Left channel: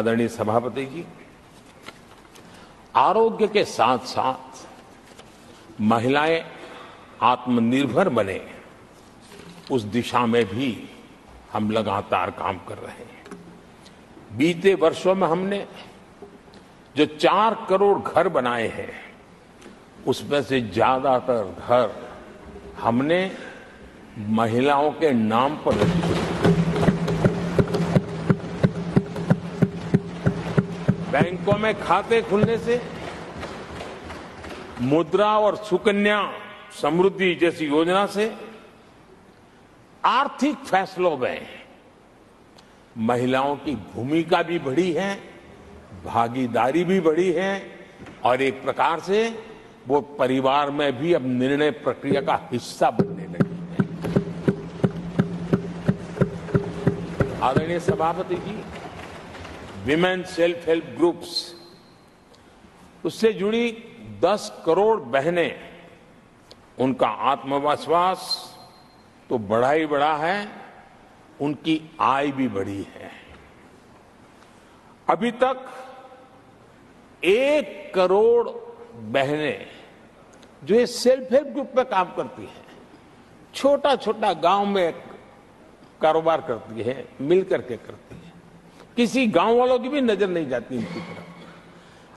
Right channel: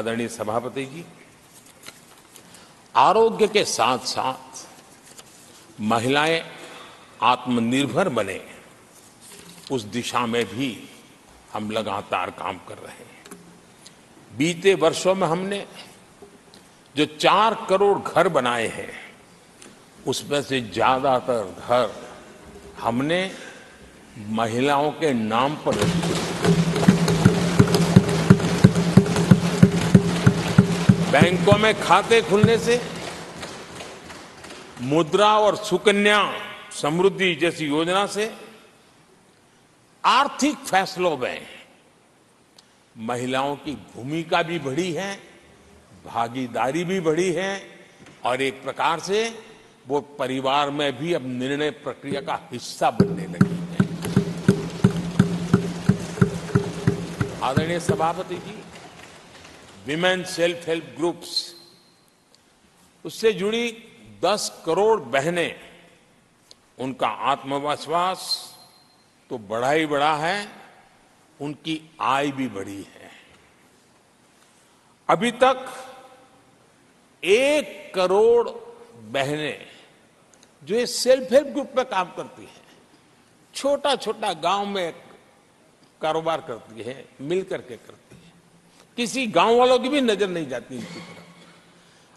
आदरणीय सभापति जी, आरोग्य के साथ साथ महिलाएं आत्मनिर्भर बने, उस दिशा में भी हम लगातार काम कर रहे हैं। बीते वर्षों में हमने जो 4 करोड़ घर बनाए हैं, उसमें से ज्यादातर घर हमने महिलाओं के नाम पर रखे। बैंकों में खाते खुलने से, मुद्रा और सुकन्या समृद्धि जैसी योजना से आर्थिक फैसलों में महिलाओं की भूमिका भी बढ़ी है, भागीदारी भी बढ़ी है और एक प्रकार से वो परिवार में भी अब निर्णय प्रक्रिया का हिस्सा बनने लगी है। आदरणीय सभापति जी, विमेन सेल्फ हेल्प ग्रुप्स, उससे जुड़ी 10 करोड़ बहनें, उनका आत्मविश्वास तो बढ़ा ही बढ़ा है, उनकी आय भी बढ़ी है। अभी तक 1 करोड़ बहनें जो ये सेल्फ हेल्प ग्रुप में काम करती हैं, छोटा छोटा गांव में कारोबार करती है, मिल करके करती है, किसी गांव वालों की भी नजर नहीं जाती इनकी तरफ।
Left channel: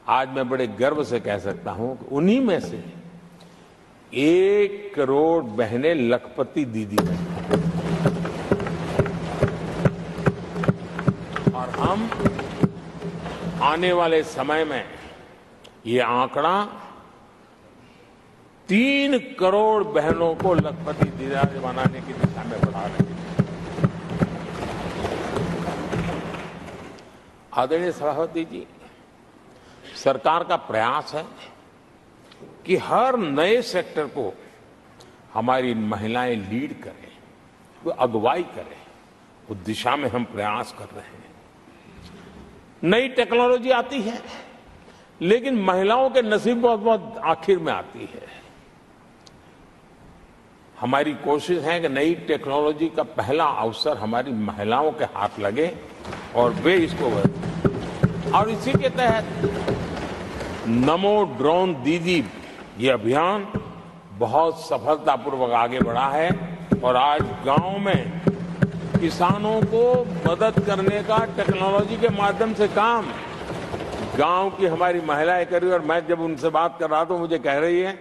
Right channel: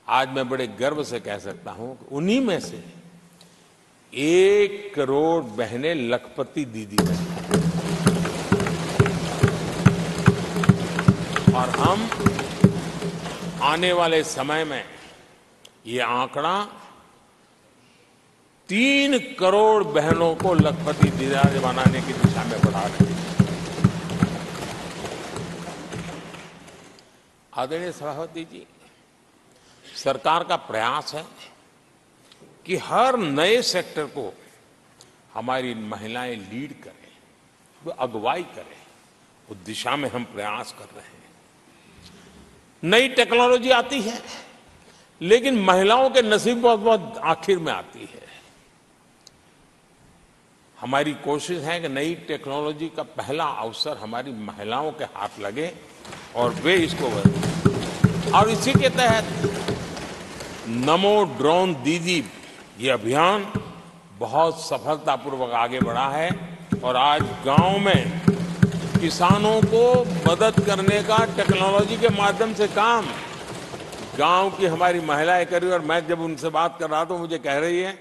आज मैं बड़े गर्व से कह सकता हूं कि उन्हीं में से 1 करोड़ बहनें लखपति दीदी बनी और हम आने वाले समय में ये आंकड़ा 3 करोड़ बहनों को लखपति दीदी बनाने की दिशा में बढ़ा रहे हैं। आदरणीय सभापति जी, सरकार का प्रयास है कि हर नए सेक्टर को हमारी महिलाएं लीड करें, वो अगुवाई करें, उस दिशा में हम प्रयास कर रहे हैं। नई टेक्नोलॉजी आती है, लेकिन महिलाओं के नसीब बहुत बहुत आखिर में आती है। हमारी कोशिश है कि नई टेक्नोलॉजी का पहला अवसर हमारी महिलाओं के हाथ लगे और वे इसको और इसी के तहत नमो ड्रोन दीदी ये अभियान बहुत सफलतापूर्वक आगे बढ़ा है और आज गांव में किसानों को मदद करने का टेक्नोलॉजी के माध्यम से काम गांव की हमारी महिलाएं कर रही है। और मैं जब उनसे बात कर रहा था, मुझे कह रही है,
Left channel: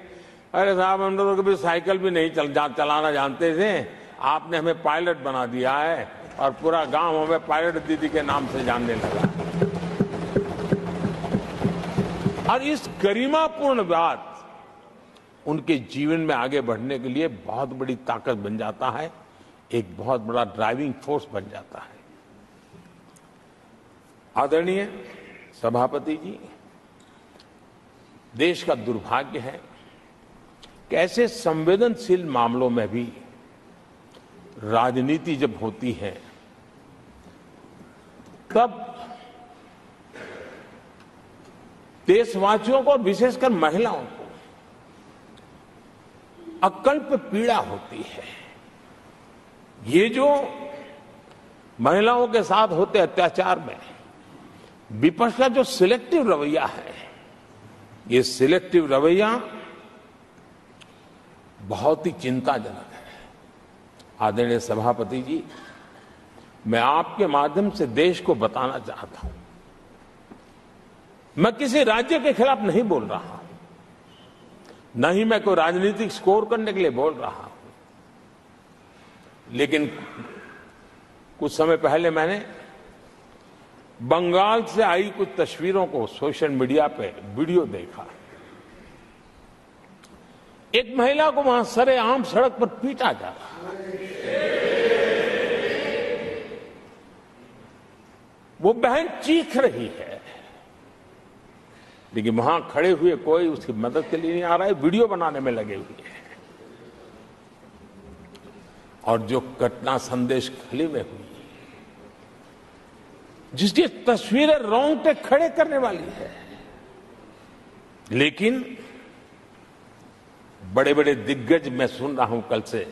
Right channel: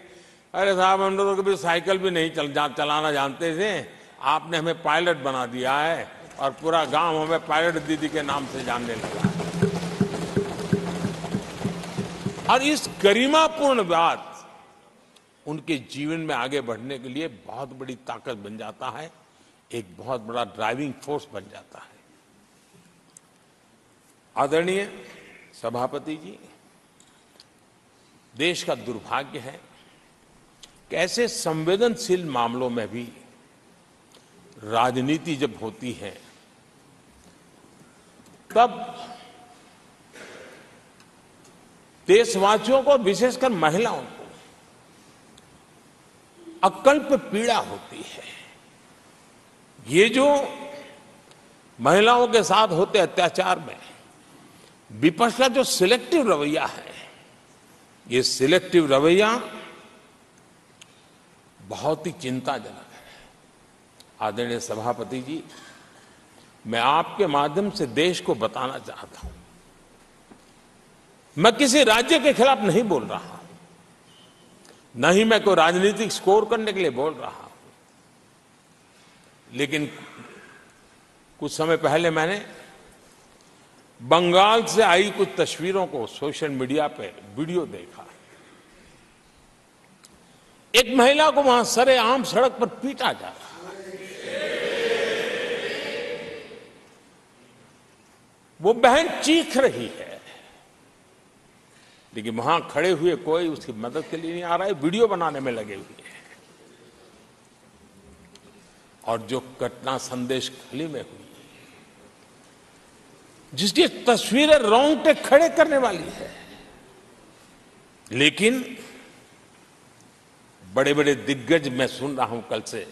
अरे साहब हम लोग कभी साइकिल भी नहीं चलाना जानते थे, आपने हमें पायलट बना दिया है और पूरा गांव हमें पायलट दीदी के नाम से जानने लगा। और इस गरिमापूर्ण बात उनके जीवन में आगे बढ़ने के लिए बहुत बड़ी ताकत बन जाता है, एक बहुत बड़ा ड्राइविंग फोर्स बन जाता है। आदरणीय सभापति जी, देश का दुर्भाग्य है कि ऐसे संवेदनशील मामलों में भी राजनीति जब होती है, तब देशवासियों को, विशेषकर महिलाओं को अकल्प पीड़ा होती है। ये जो महिलाओं के साथ होते अत्याचार में विपक्ष का जो सिलेक्टिव रवैया है, ये सिलेक्टिव रवैया बहुत ही चिंताजनक है। आदरणीय सभापति जी, मैं आपके माध्यम से देश को बताना चाहता हूं, मैं किसी राज्य के खिलाफ नहीं बोल रहा हूं, न ही मैं कोई राजनीतिक स्कोर करने के लिए बोल रहा हूं, लेकिन कुछ समय पहले मैंने बंगाल से आई कुछ तस्वीरों को सोशल मीडिया पे वीडियो देखा। एक महिला को वहां सरेआम सड़क पर पीटा जा रहा है। वो बहन चीख रही है, लेकिन वहां खड़े हुए कोई उसकी मदद के लिए नहीं आ रहा है, वीडियो बनाने में लगे हुए हैं। और जो घटना संदेश खाली में हुई, जिसकी तस्वीरें रोंगटे खड़े करने वाली है, लेकिन बड़े बड़े दिग्गज मैं सुन रहा हूं कल से,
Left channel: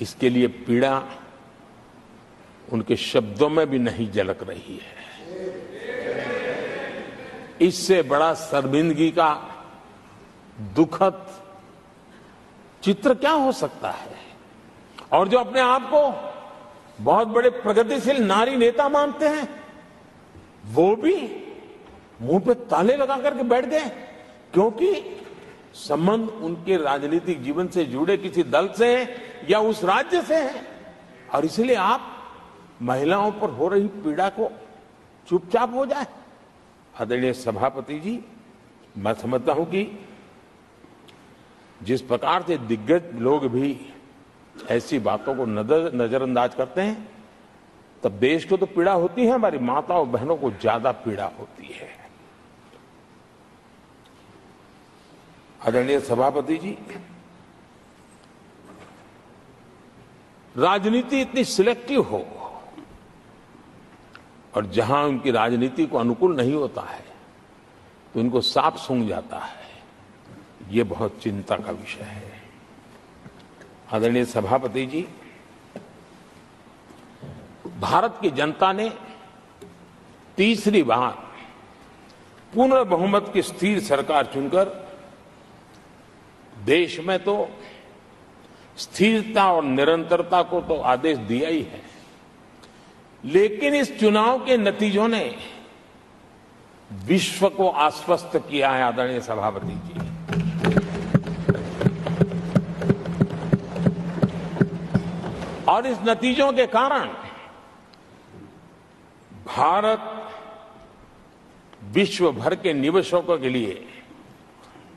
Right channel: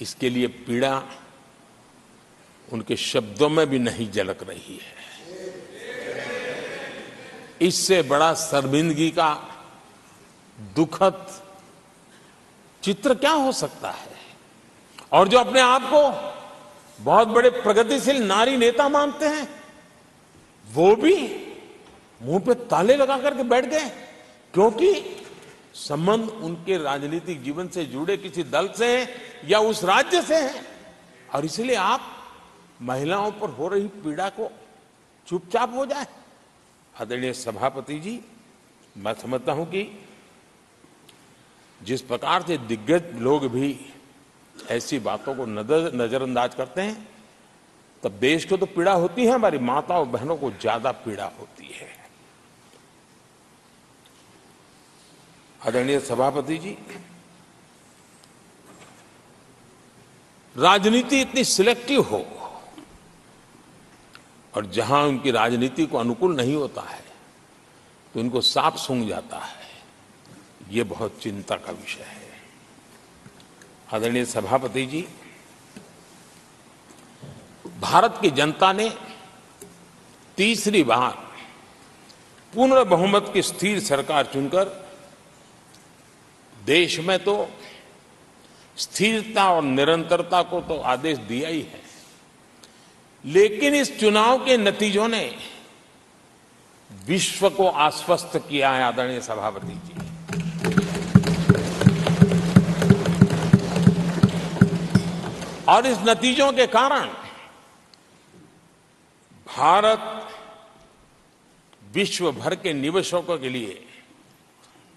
इसके लिए पीड़ा उनके शब्दों में भी नहीं झलक रही है। इससे बड़ा शर्मिंदगी का दुखद चित्र क्या हो सकता है? और जो अपने आप को बहुत बड़े प्रगतिशील नारी नेता मानते हैं, वो भी मुंह पे ताले लगा करके बैठ गए, क्योंकि संबंध उनके राजनीतिक जीवन से जुड़े किसी दल से या उस राज्य से है। और इसलिए आप महिलाओं पर हो रही पीड़ा को चुपचाप हो जाए। आदरणीय सभापति जी, मैं समझता हूं कि जिस प्रकार से दिग्गज लोग भी ऐसी बातों को नजरअंदाज करते हैं, तब देश को तो पीड़ा होती है, हमारी माताओं बहनों को ज्यादा पीड़ा होती है। आदरणीय सभापति जी, राजनीति इतनी सिलेक्टिव हो और जहां उनकी राजनीति को अनुकूल नहीं होता है तो उनको साफ सूंघ जाता है, ये बहुत चिंता का विषय है। आदरणीय सभापति जी, भारत की जनता ने तीसरी बार पूर्ण बहुमत की स्थिर सरकार चुनकर देश में तो स्थिरता और निरंतरता को तो आदेश दिया ही है, लेकिन इस चुनाव के नतीजों ने विश्व को आश्वस्त किया है। आदरणीय सभापति जी, और इस नतीजों के कारण भारत विश्व भर के निवेशकों के लिए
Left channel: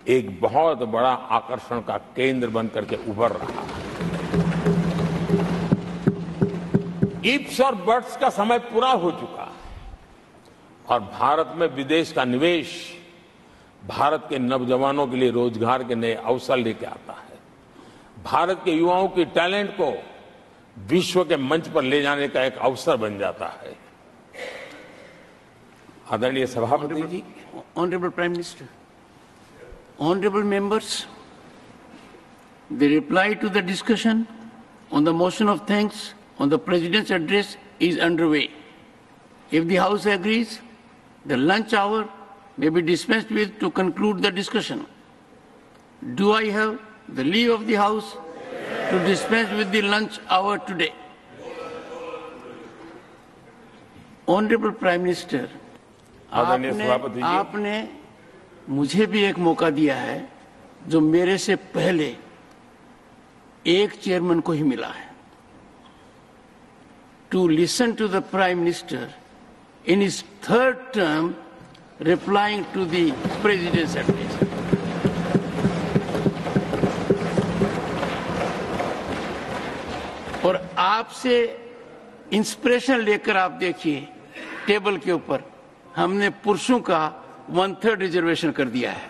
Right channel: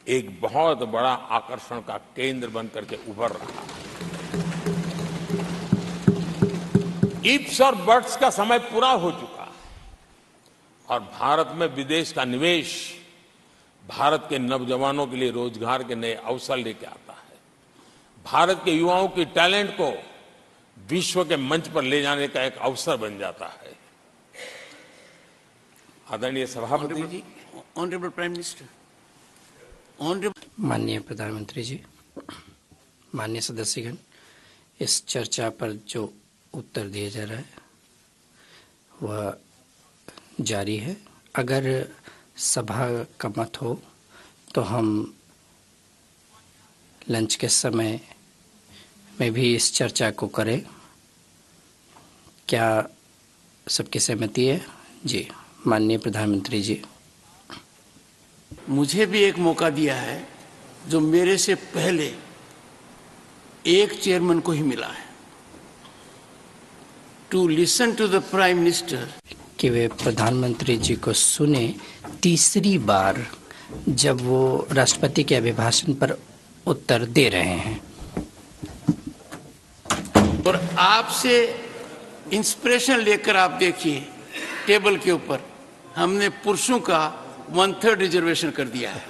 एक बहुत बड़ा आकर्षण का केंद्र बनकर के उभर रहा है। इफ्स और बट्स का समय पूरा हो चुका और भारत में विदेश का निवेश भारत के नौजवानों के लिए रोजगार के नए अवसर लेके आता है। भारत के युवाओं की टैलेंट को विश्व के मंच पर ले जाने का एक अवसर बन जाता है। आदरणीय सभापति जी, honourable prime minister, honourable members, प्रधानमंत्री जी, the reply to the discussion on the motion of thanks on the president's address is underway. If the House agrees, जारी है। the lunch hour may be dispensed with to conclude the discussion. Do I have the leave of the House to dispense with the lunch hour today? क्या सबकी सहमति है? Honourable prime minister, माननीय प्रधानमंत्री जी, आपने मुझे भी एक मौका दिया है जो मेरे से पहले एक चेयरमैन को ही मिला है, to listen to the prime minister कि वे प्रधानमंत्री जी को सुने तीसरी बार जब वो राष्ट्रपति के अभिभाषण पर उत्तर दे रहे हैं। और आपसे इंस्पिरेशन लेकर आप देखिए, टेबल के ऊपर हमने पुरुषों का 1/3 रिजर्वेशन कर दिया है।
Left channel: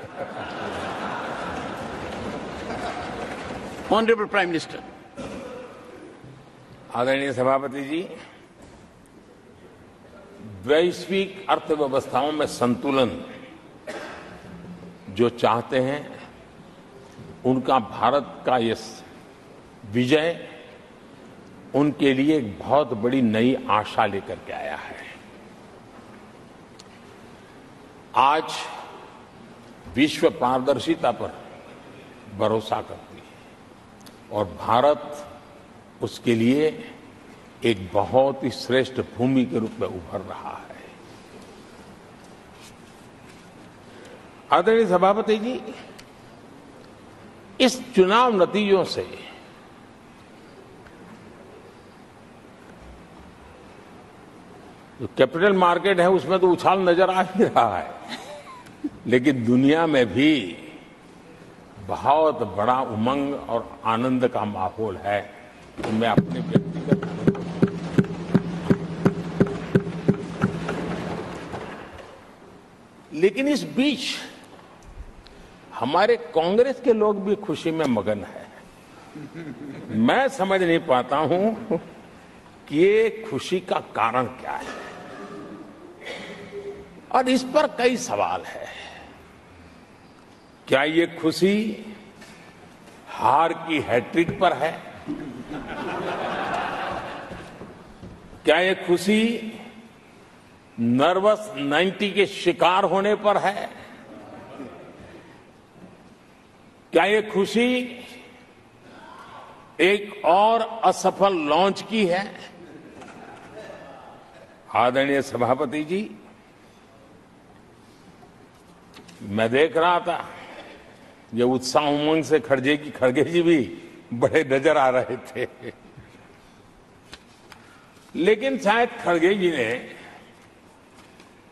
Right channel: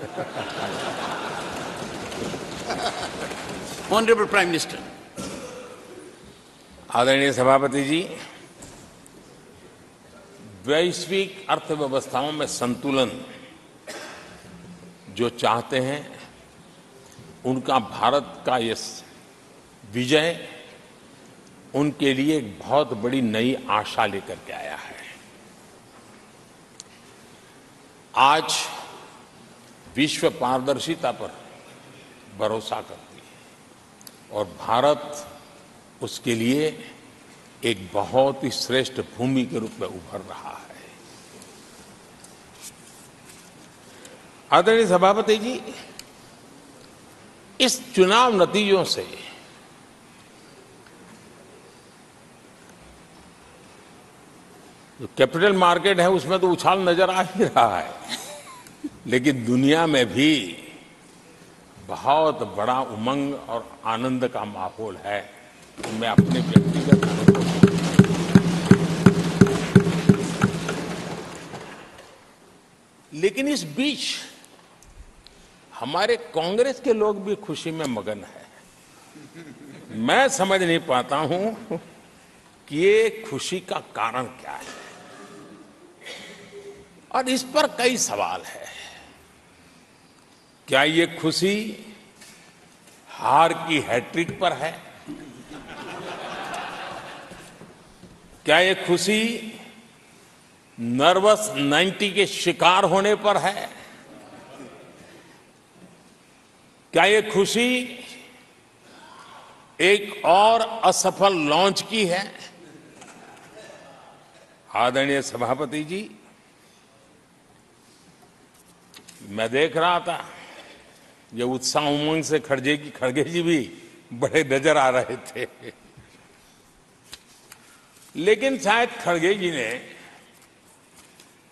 ऑनरेबल प्राइम मिनिस्टर, आदरणीय सभापति जी, वैश्विक अर्थव्यवस्थाओं में संतुलन जो चाहते हैं, उनका भारत का ये विजय उनके लिए एक बहुत बड़ी नई आशा लेकर के आया है। आज विश्व पारदर्शिता पर भरोसा करती है और भारत उसके लिए एक बहुत ही श्रेष्ठ भूमि के रूप में उभर रहा है। आदरणीय सभापति जी, इस चुनाव नतीजों से जो कैपिटल मार्केट है उसमें तो उछाल नजर आ ही रहा है, लेकिन दुनिया में भी बहुत बड़ा उमंग और आनंद का माहौल है। मैं अपने व्यक्तिगत लेकिन इस बीच हमारे कांग्रेस के लोग भी खुशी में मगन है। मैं समझ नहीं पाता हूं कि ये खुशी का कारण क्या है, और इस पर कई सवाल है। क्या ये खुशी हार की हैट्रिक पर है, क्या ये खुशी नर्वस 90 के शिकार होने पर है? क्या ये खुशी एक और असफल लॉन्च की है? आदरणीय सभापति जी, मैं देख रहा था ये उत्साह उमंग से खड़गे जी भी बड़े नजर आ रहे थे, लेकिन शायद खड़गे जी ने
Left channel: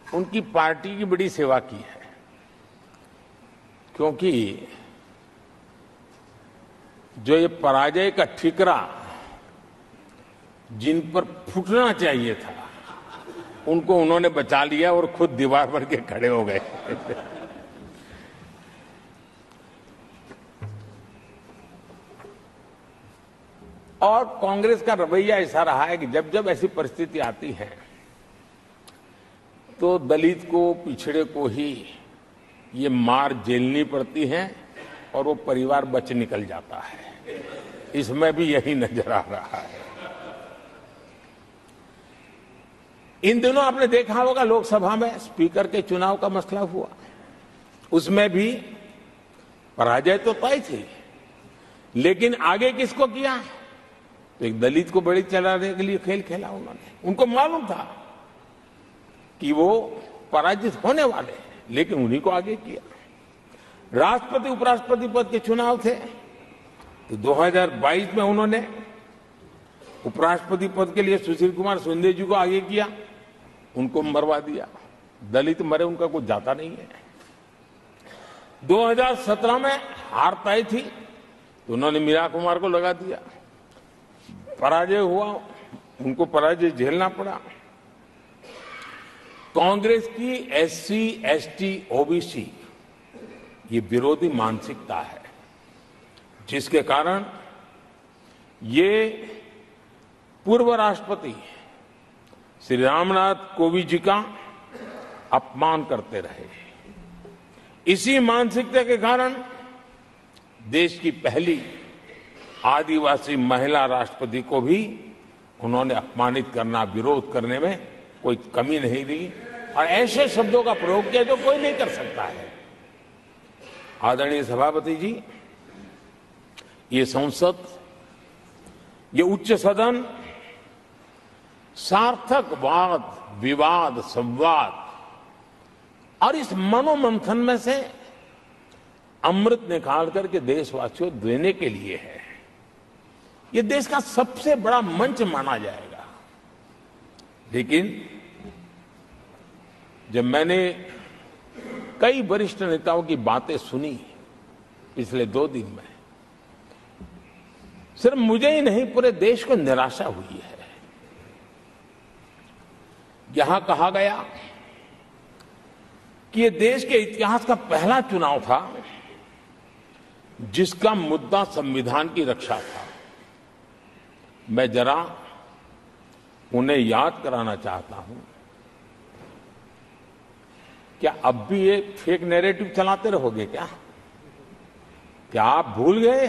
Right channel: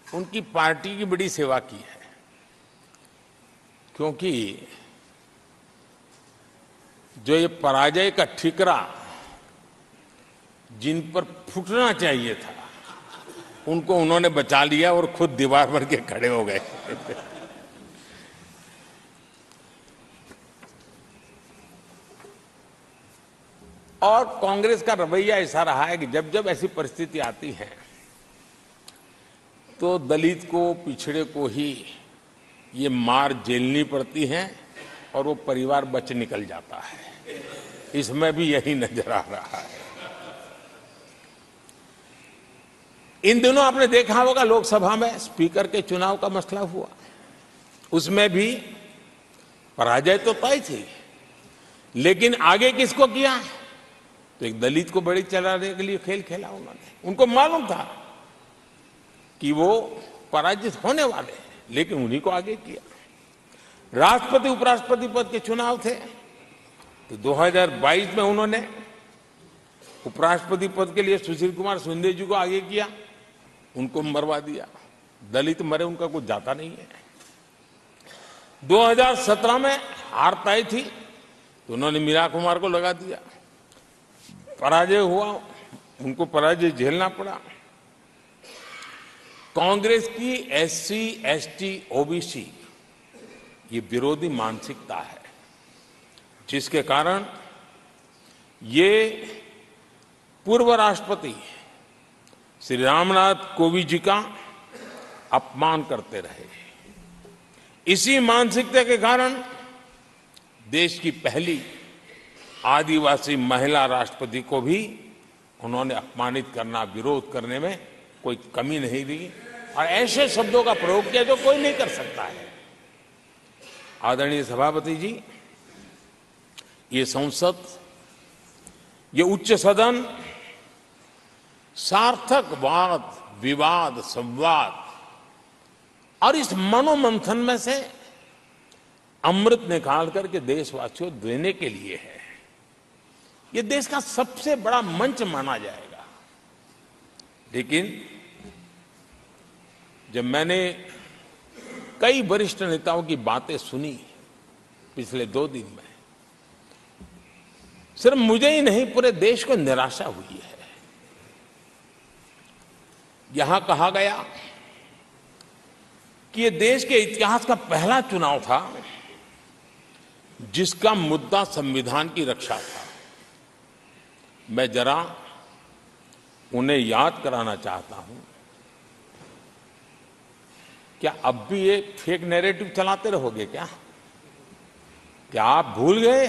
उनकी पार्टी की बड़ी सेवा की है, क्योंकि जो ये पराजय का ठिकरा जिन पर फूटना चाहिए था उनको उन्होंने बचा लिया और खुद दीवार भर के खड़े हो गए। और कांग्रेस का रवैया ऐसा रहा है कि जब जब ऐसी परिस्थिति आती है तो दलित को, पिछड़े को ही ये मार झेलनी पड़ती है और वो परिवार बच निकल जाता है। इसमें भी यही नजर आ रहा है। इन दिनों आपने देखा होगा लोकसभा में स्पीकर के चुनाव का मसला हुआ, उसमें भी पराजय तो तय थी, लेकिन आगे किसको किया? तो एक दलित को बड़ी चलाने के लिए खेल खेला उन्होंने। उनको मालूम था कि वो पराजित होने वाले, लेकिन उन्हीं को आगे किया। राष्ट्रपति उपराष्ट्रपति पद के चुनाव थे तो 2022 में उन्होंने उपराष्ट्रपति पद के लिए सुशील कुमार शिंदे जी को आगे किया, उनको मरवा दिया। दलित मरे उनका कुछ जाता नहीं है। 2017 में हार तय थी तो उन्होंने मीरा कुमार को लगा दिया, पराजय हुआ, उनको पराजय झेलना पड़ा। कांग्रेस की एससी, एसटी, ओबीसी ये विरोधी मानसिकता है, जिसके कारण ये पूर्व राष्ट्रपति श्री रामनाथ कोविंद जी का अपमान करते रहे। इसी मानसिकता के कारण देश की पहली आदिवासी महिला राष्ट्रपति को भी उन्होंने अपमानित करना, विरोध करने में कोई कमी नहीं दी और ऐसे शब्दों का प्रयोग किया जो कोई नहीं कर सकता है। आदरणीय सभापति जी, ये संसद, ये उच्च सदन सार्थक वाद विवाद संवाद और इस मनोमंथन में से अमृत निकाल करके देशवासियों देने के लिए है। ये देश का सबसे बड़ा मंच माना जाएगा। लेकिन जब मैंने कई वरिष्ठ नेताओं की बातें सुनी पिछले 2 दिन में, सिर्फ मुझे ही नहीं पूरे देश को निराशा हुई है। यहां कहा गया कि ये देश के इतिहास का पहला चुनाव था जिसका मुद्दा संविधान की रक्षा था। मैं जरा उन्हें याद कराना चाहता हूं, क्या अब भी एक फेक नैरेटिव चलाते रहोगे क्या? क्या आप भूल गए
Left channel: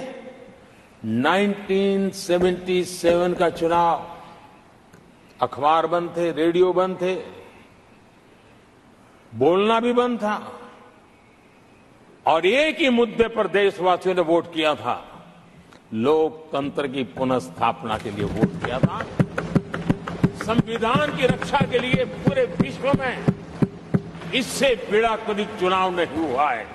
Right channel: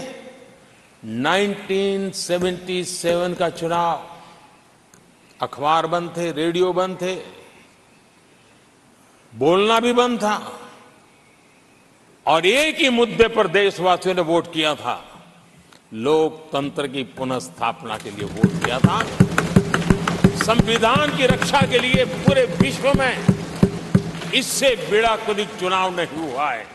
1977 का चुनाव? अखबार बंद थे, रेडियो बंद थे, बोलना भी बंद था और एक ही मुद्दे पर देशवासियों ने वोट किया था। लोकतंत्र की पुनर्स्थापना के लिए वोट किया था। संविधान की रक्षा के लिए पूरे विश्व में इससे बड़ा कोई चुनाव नहीं हुआ है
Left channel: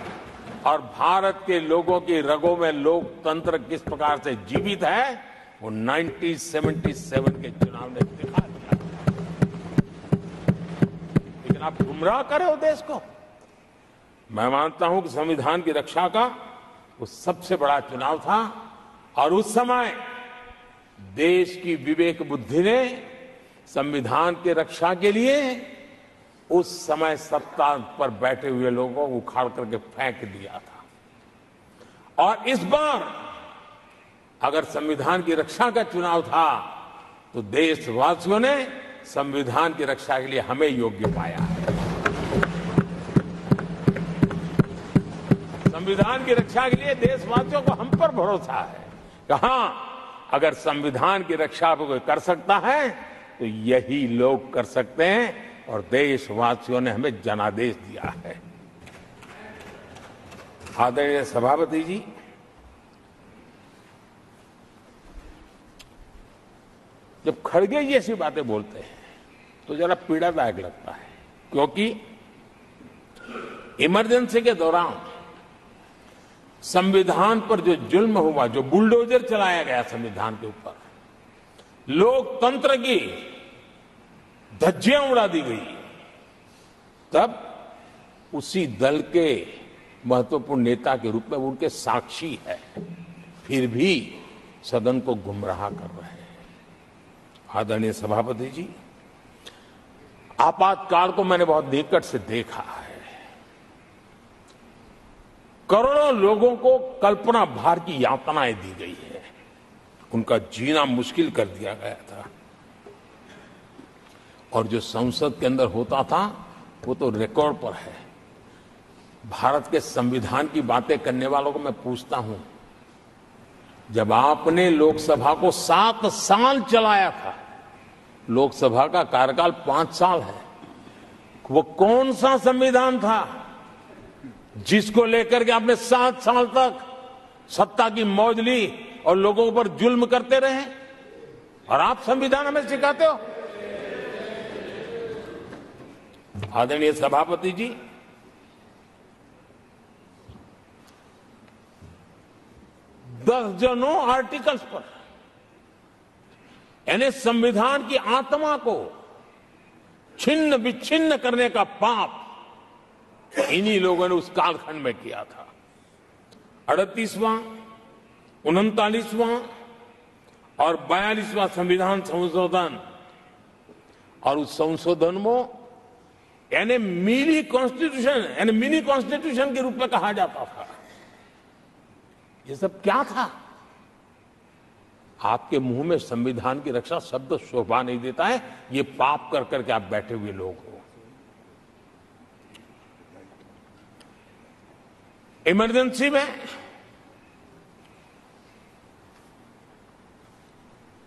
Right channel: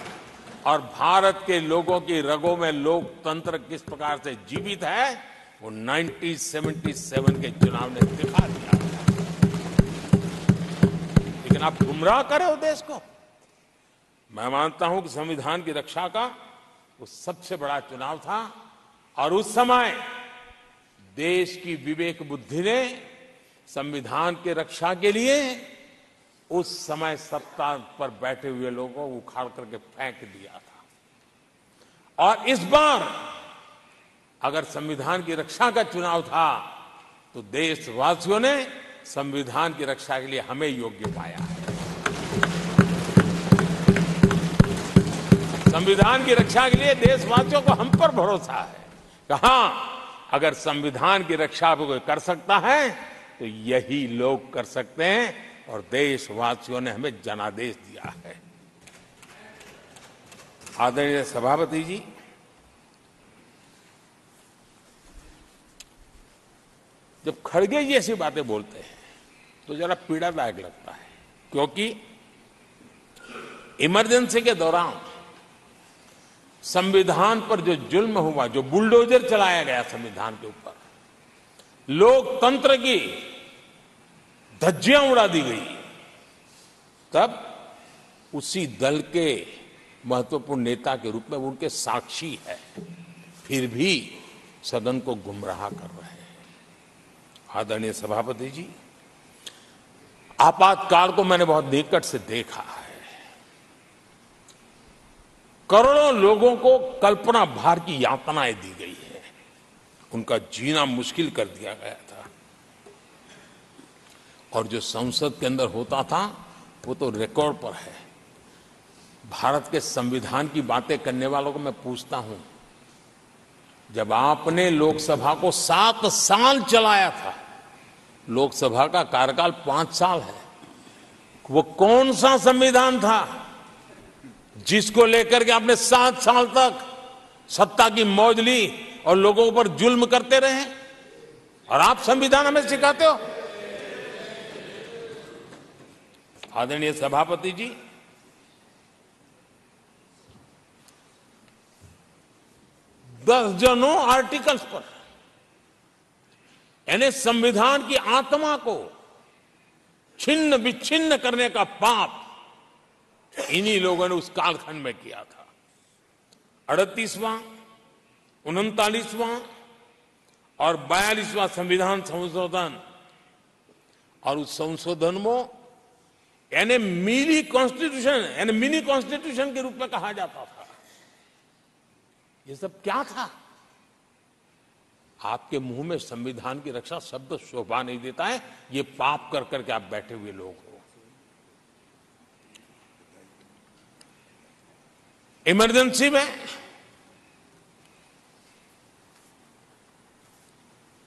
और भारत के लोगों की रगों में लोकतंत्र किस प्रकार से जीवित है वो 1977 के चुनाव ने दिखा दिया। लेकिन आप गुमराह कर रहे हो देश को। मैं मानता हूं कि संविधान की रक्षा का वो सबसे बड़ा चुनाव था और उस समय देश की विवेक बुद्धि ने संविधान की रक्षा के लिए उस समय सत्ता पर बैठे हुए लोगों को उखाड़ करके फेंक दिया था। और इस बार अगर संविधान की रक्षा का चुनाव था तो देशवासियों ने संविधान की रक्षा के लिए हमें योग्य पाया है। संविधान की रक्षा के लिए देशवासियों को हम पर भरोसा है कि हां, अगर संविधान की रक्षा को कोई कर सकता है तो यही लोग कर सकते हैं और देशवासियों ने हमें जनादेश दिया है। आदरणीय सभापति जी, जब खड़गे जी ऐसी बातें बोलते हैं तो जरा पीड़ादायक लगता है, क्योंकि इमरजेंसी के दौरान संविधान पर जो जुल्म हुआ, जो बुलडोजर चलाया गया संविधान के ऊपर, लोकतंत्र की धज्जियां उड़ा दी गई, तब उसी दल के महत्वपूर्ण नेता के रूप में उनके साक्षी है, फिर भी सदन को गुमराह कर रहे हैं। आदरणीय सभापति जी, आपातकाल को मैंने बहुत निकट से देखा है। करोड़ों लोगों को कल्पना भार की यातनाएं दी गई है, उनका जीना मुश्किल कर दिया गया था, और जो संसद के अंदर होता था वो तो रिकॉर्ड पर है। भारत के संविधान की बातें करने वालों को मैं पूछता हूं, जब आपने लोकसभा को 7 साल चलाया था, लोकसभा का कार्यकाल 5 साल है, वो कौन सा संविधान था जिसको लेकर के आपने 7 साल तक सत्ता की मौज ली और लोगों पर जुल्म करते रहे? और आप संविधान हमें सिखाते हो? आदरणीय सभापति जी, दर्जनों आर्टिकल्स पर, यानी संविधान की आत्मा को छिन्न विच्छिन्न करने का पाप इन्हीं लोगों ने उस कालखंड में किया था। 38वां, 39वां और 42वां संविधान संशोधन, और उस संशोधन में यानी मिनी कॉन्स्टिट्यूशन, यानी मिनी कॉन्स्टिट्यूशन के रूप में कहा जाता था। ये सब क्या था? आपके मुंह में संविधान की रक्षा शब्द शोभा नहीं देता है, ये पाप कर करके आप बैठे हुए लोग हो। इमरजेंसी में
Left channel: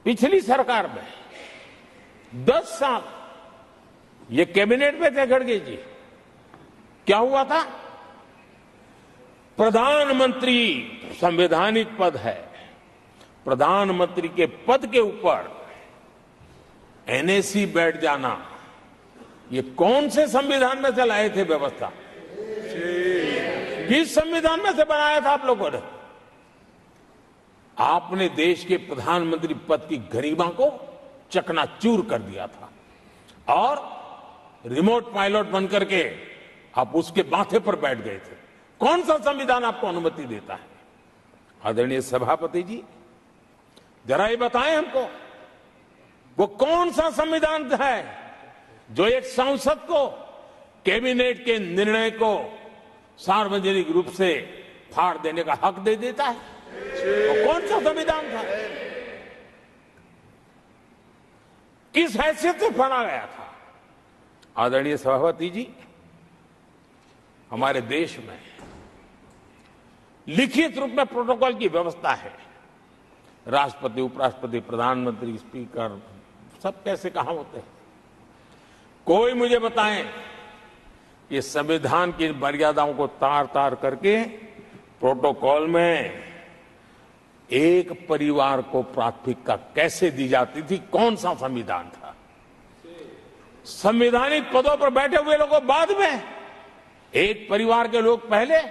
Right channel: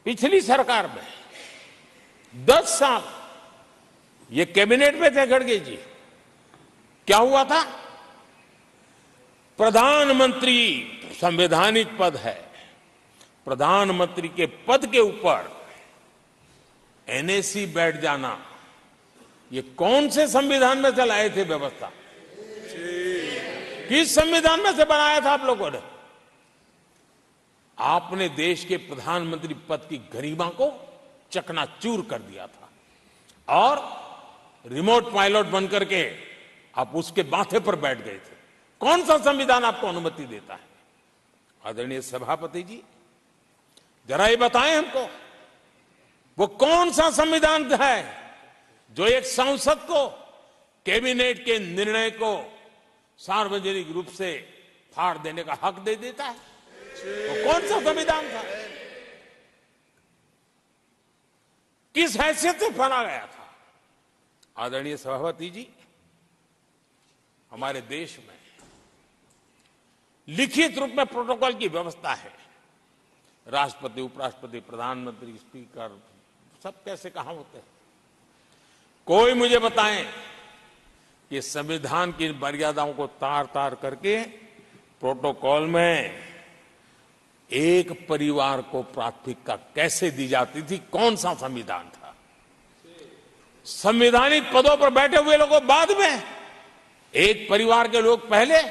पिछली सरकार में 10 साल ये कैबिनेट में थे खड़गे जी, क्या हुआ था? प्रधानमंत्री संवैधानिक पद है, प्रधानमंत्री के पद के ऊपर एनएसी बैठ जाना, ये कौन से संविधान में से लाए थे व्यवस्था? किस संविधान में से बनाया था आप लोगों ने? आपने देश के प्रधानमंत्री पद की गरिमा को चकनाचूर कर दिया था, और रिमोट पायलट बनकर के आप उसके माथे पर बैठ गए थे। कौन सा संविधान आपको अनुमति देता है? आदरणीय सभापति जी, जरा ये बताएं हमको, वो कौन सा संविधान है जो एक सांसद को कैबिनेट के निर्णय को सार्वजनिक रूप से फाड़ देने का हक दे देता है? वो कौन सा संविधान था? किस हैसियत से फाड़ा गया था? आदरणीय सभापति जी, हमारे देश में लिखित रूप में प्रोटोकॉल की व्यवस्था है। राष्ट्रपति, उपराष्ट्रपति, प्रधानमंत्री, स्पीकर सब कैसे कहां होते हैं? कोई मुझे बताएं कि संविधान की मर्यादाओं को तार तार करके प्रोटोकॉल में एक परिवार को प्राथमिकता कैसे दी जाती थी? कौन सा संविधान था? संवैधानिक पदों पर बैठे हुए लोगों बाद में, एक परिवार के लोग पहले।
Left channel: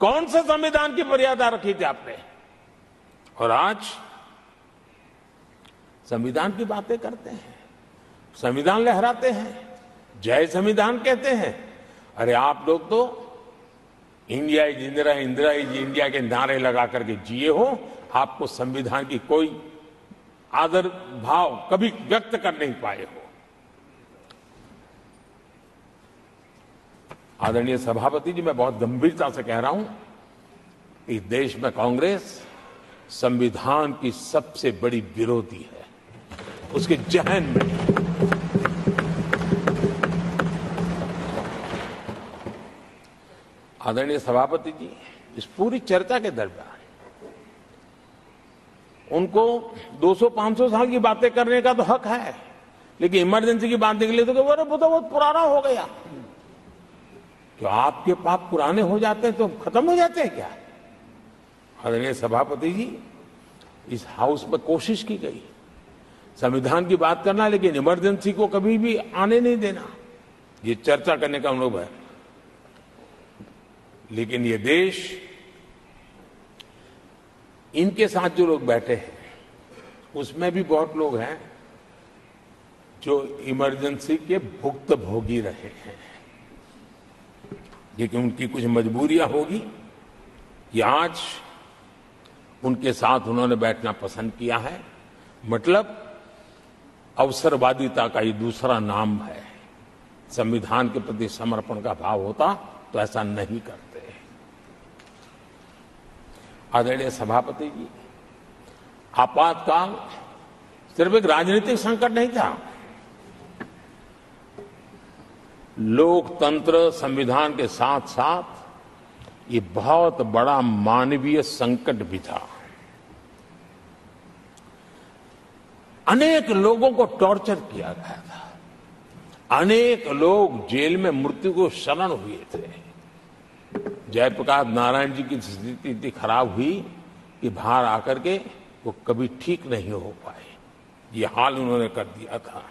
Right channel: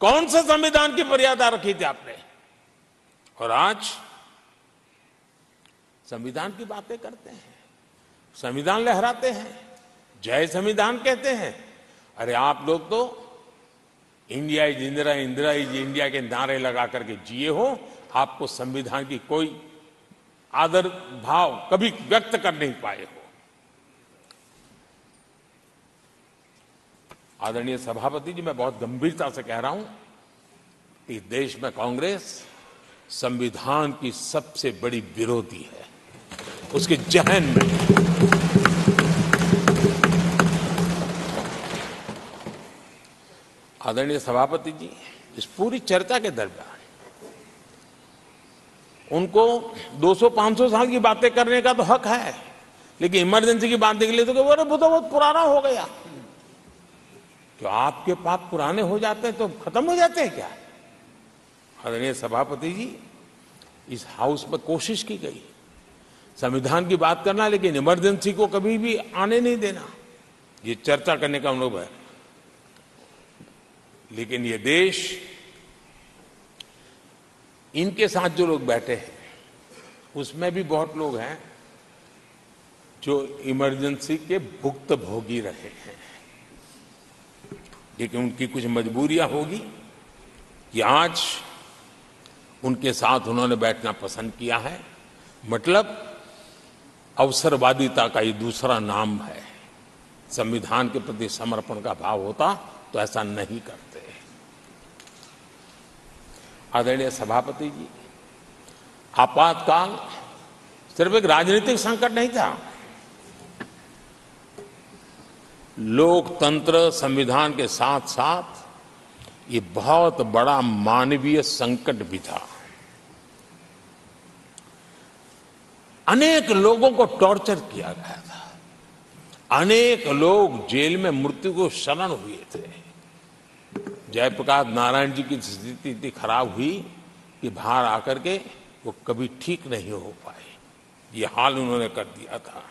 कौन से संविधान की मर्यादा रखी थी आपने? और आज संविधान की बातें करते हैं, संविधान लहराते हैं, जय संविधान कहते हैं। अरे आप लोग तो India is Indira, Indira is India के नारे लगा करके जिए हो। आपको संविधान की कोई आदर भाव कभी व्यक्त कर नहीं पाए हो। आदरणीय सभापति जी, मैं बहुत गंभीरता से कह रहा हूं कि देश में कांग्रेस संविधान की सबसे बड़ी विरोधी है। उसके जहन में आदरणीय सभापति जी, इस पूरी चर्चा के दरमियान उनको 200-500 साल की बातें करने का तो हक है, लेकिन इमरजेंसी की बात निकले तो वो तो बहुत पुराना हो गया। तो आपके पाप पुराने हो जाते हैं तो खत्म हो जाते हैं क्या? आदरणीय सभापति जी, इस हाउस में कोशिश की गई संविधान की बात करना, लेकिन इमरजेंसी को कभी भी आने नहीं देना, ये चर्चा करने का अनुभव है। लेकिन ये देश, इनके साथ जो लोग बैठे हैं उसमें भी बहुत लोग हैं जो इमरजेंसी के भुक्तभोगी रहे हैं, लेकिन उनकी कुछ मजबूरियां होगी कि आज उनके साथ उन्होंने बैठना पसंद किया है। मतलब अवसरवादिता का ये दूसरा नाम है। संविधान के प्रति समर्पण का भाव होता तो ऐसा नहीं करते। आदरणीय सभापति जी, आपातकाल सिर्फ एक राजनीतिक संकट नहीं था, लोकतंत्र संविधान के साथ साथ ये बहुत बड़ा मानवीय संकट भी था। अनेक लोगों को टॉर्चर किया गया था, अनेक लोग जेल में मृत्यु को शरण हुए थे। जयप्रकाश नारायण जी की स्थिति इतनी खराब हुई कि बाहर आकर के वो कभी ठीक नहीं हो पाए, ये हाल उन्होंने कर दिया था।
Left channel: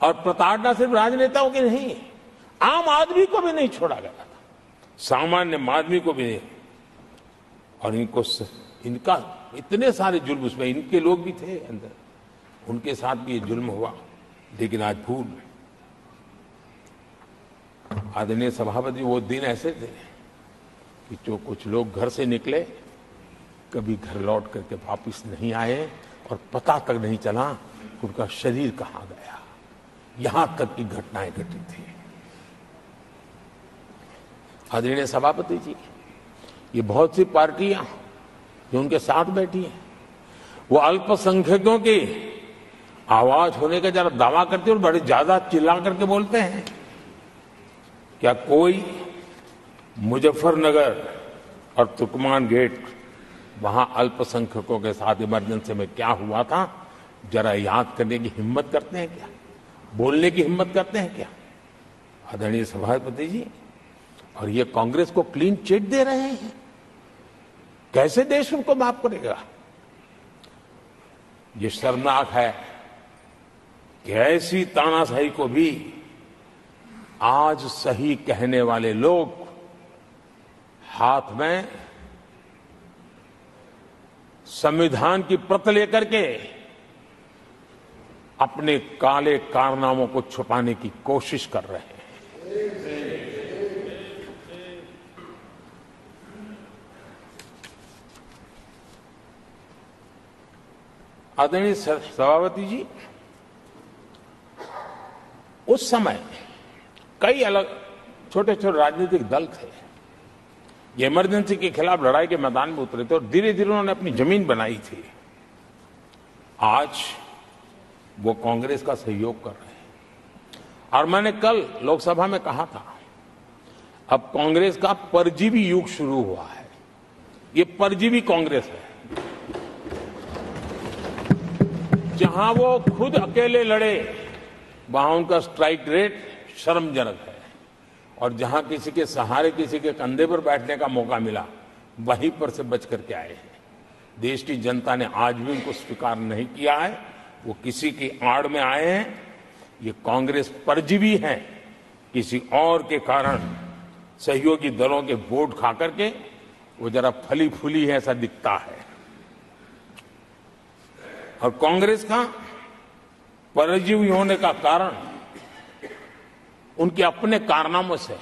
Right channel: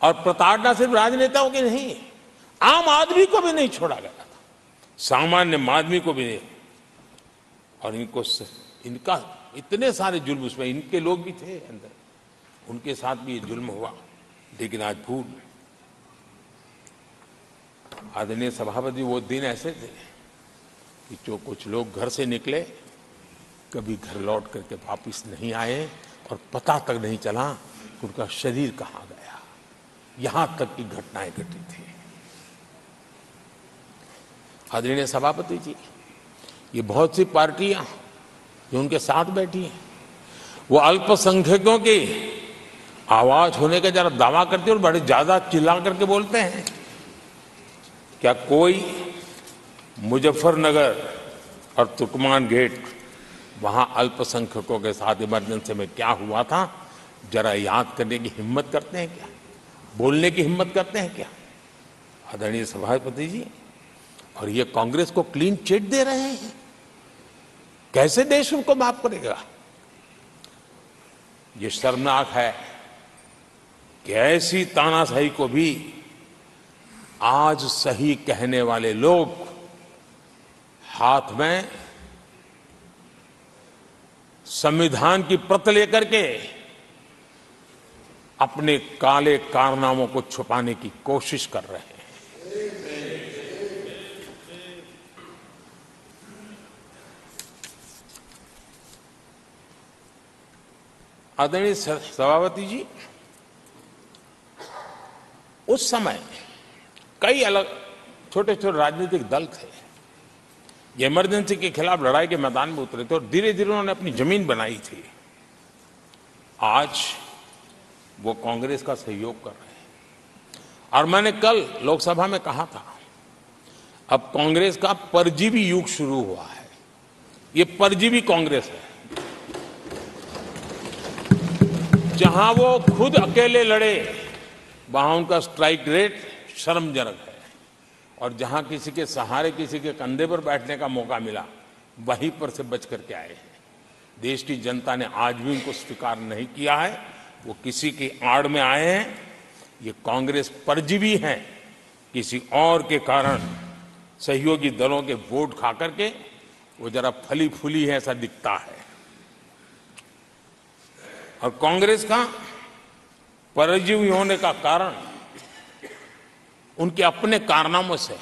और प्रताड़ना सिर्फ राजनेताओं की नहीं, आम आदमी को भी नहीं छोड़ा गया था, सामान्य आदमी को भी नहीं। और इनका इतने सारे जुल्म, उसमें इनके लोग भी थे अंदर, उनके साथ भी ये जुल्म हुआ। लेकिन आज भूल, आदरणीय सभापति, वो दिन ऐसे थे कि जो कुछ लोग घर से निकले कभी घर लौट करके वापिस नहीं आए और पता तक नहीं चला कि उनका शरीर कहां गया। यहां तक की घटनाएं घटी थी। आदरणीय सभापति जी, ये बहुत सी पार्टियां जो उनके साथ बैठी हैं, वो अल्पसंख्यकों की आवाज होने का जरा दावा करते और बड़े ज्यादा चिल्ला करके बोलते हैं। क्या कोई मुजफ्फरनगर और तुर्कमान गेट, वहां अल्पसंख्यकों के साथ इमरजेंसी में क्या हुआ था, जरा याद करने की हिम्मत करते हैं क्या? बोलने की हिम्मत करते हैं क्या? आदरणीय सभापति जी, और ये कांग्रेस को क्लीन चिट दे रहे हैं। कैसे देश उनको माफ करेगा? ये शर्मनाक है कि ऐसी तानाशाही को भी आज सही कहने वाले लोग हाथ में संविधान की प्रत लेकर के अपने काले कारनामों को छुपाने की कोशिश कर रहे हैं। आदरणीय सभापति जी, उस समय कई अलग छोटे छोटे राजनीतिक दल थे, ये इमरजेंसी के खिलाफ लड़ाई के मैदान में उतरे थे और धीरे धीरे उन्होंने अपनी जमीन बनाई थी। आज वो कांग्रेस का सहयोग कर रहे हैं। और मैंने कल लोकसभा में कहा था, अब कांग्रेस का परजीवी युग शुरू हुआ है। ये परजीवी कांग्रेस है, जहां वो खुद अकेले लड़े वहां उनका स्ट्राइक रेट शर्मजनक है, और जहां किसी के सहारे, किसी के कंधे पर बैठने का मौका मिला, वहीं पर से बच करके आए हैं। देश की जनता ने आज भी उनको स्वीकार नहीं किया है, वो किसी की आड़ में आए हैं। ये कांग्रेस परजीवी है, किसी और के कारण सहयोगी दलों के वोट खा करके वो जरा फली फूली है ऐसा दिखता है। और कांग्रेस का परजीवी होने का कारण उनके अपने कारनामों से है।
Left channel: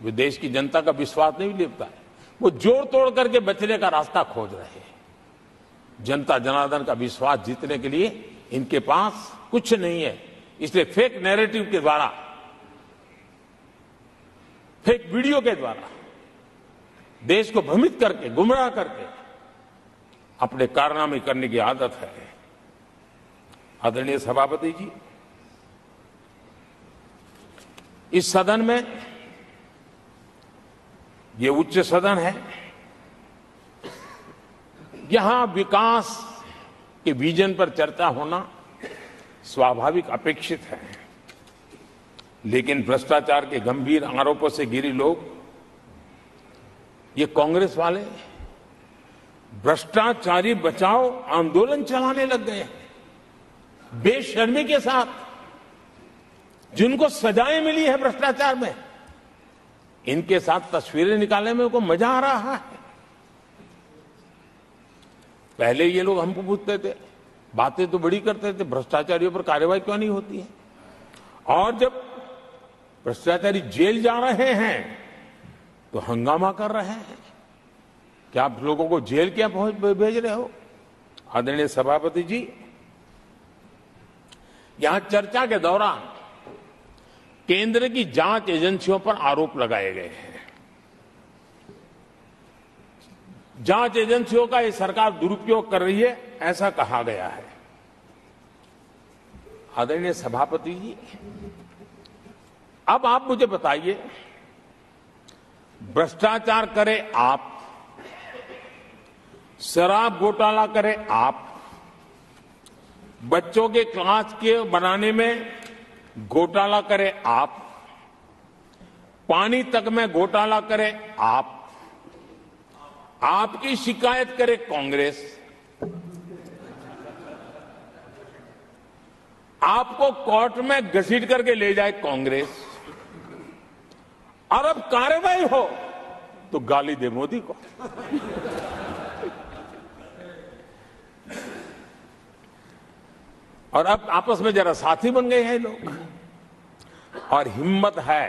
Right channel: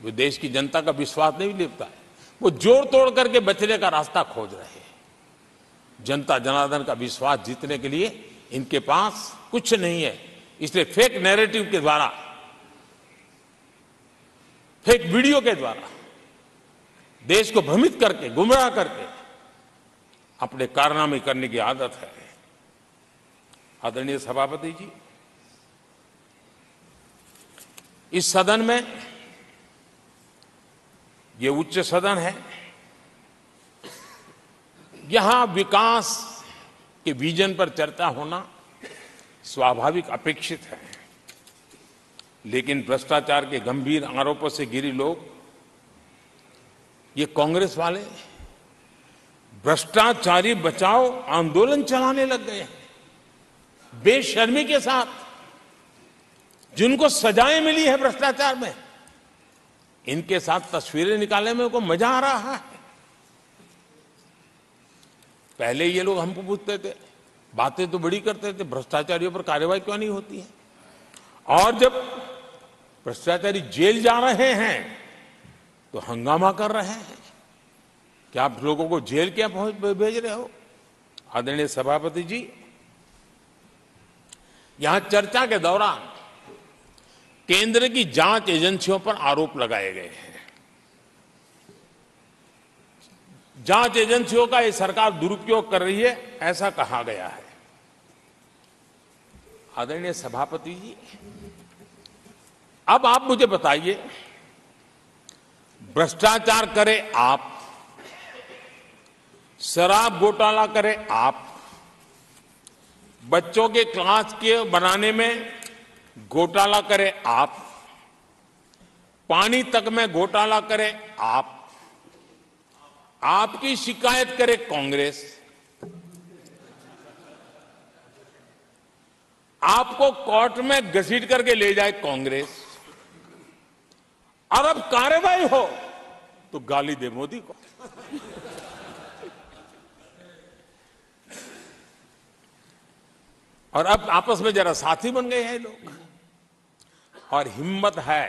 वो देश की जनता का विश्वास नहीं लेता है, वो जोड़ तोड़ करके बचने का रास्ता खोज रहे हैं। जनता जनार्दन का विश्वास जीतने के लिए इनके पास कुछ नहीं है, इसलिए फेक नैरेटिव के द्वारा, फेक वीडियो के द्वारा देश को भ्रमित करके, गुमराह करके अपने कारनामे करने की आदत है। आदरणीय सभापति जी, इस सदन में, ये उच्च सदन है, यहां विकास के विजन पर चर्चा होना स्वाभाविक अपेक्षित है, लेकिन भ्रष्टाचार के गंभीर आरोपों से घिरे लोग, ये कांग्रेस वाले भ्रष्टाचारी बचाओ आंदोलन चलाने लग गए हैं बेशर्मी के साथ। जिनको सजाएं मिली है भ्रष्टाचार में, इनके साथ तस्वीरें निकालने में उनको मजा आ रहा है। पहले ये लोग हमको पूछते थे, बातें तो बड़ी करते थे, भ्रष्टाचारियों पर कार्रवाई क्यों नहीं होती है? और जब भ्रष्टाचारी जेल जा रहे हैं तो हंगामा कर रहे हैं। क्या आप लोगों को जेल क्या भेज रहे हो? आदरणीय सभापति जी, यहां चर्चा के दौरान केंद्र की जांच एजेंसियों पर आरोप लगाए गए हैं। जांच एजेंसियों का ये सरकार दुरुपयोग कर रही है, ऐसा कहा गया है। आदरणीय सभापति जी, अब आप मुझे बताइए, भ्रष्टाचार करे आप, शराब घोटाला करे आप, बच्चों के क्लास के बनाने में घोटाला करे आप, पानी तक में घोटाला करे आप, आपकी शिकायत करे कांग्रेस, आपको कोर्ट में घसीट करके ले जाए कांग्रेस, और अब कार्रवाई हो तो गाली दे मोदी को। और अब आपस में जरा साथी बन गए हैं लोग। और हिम्मत है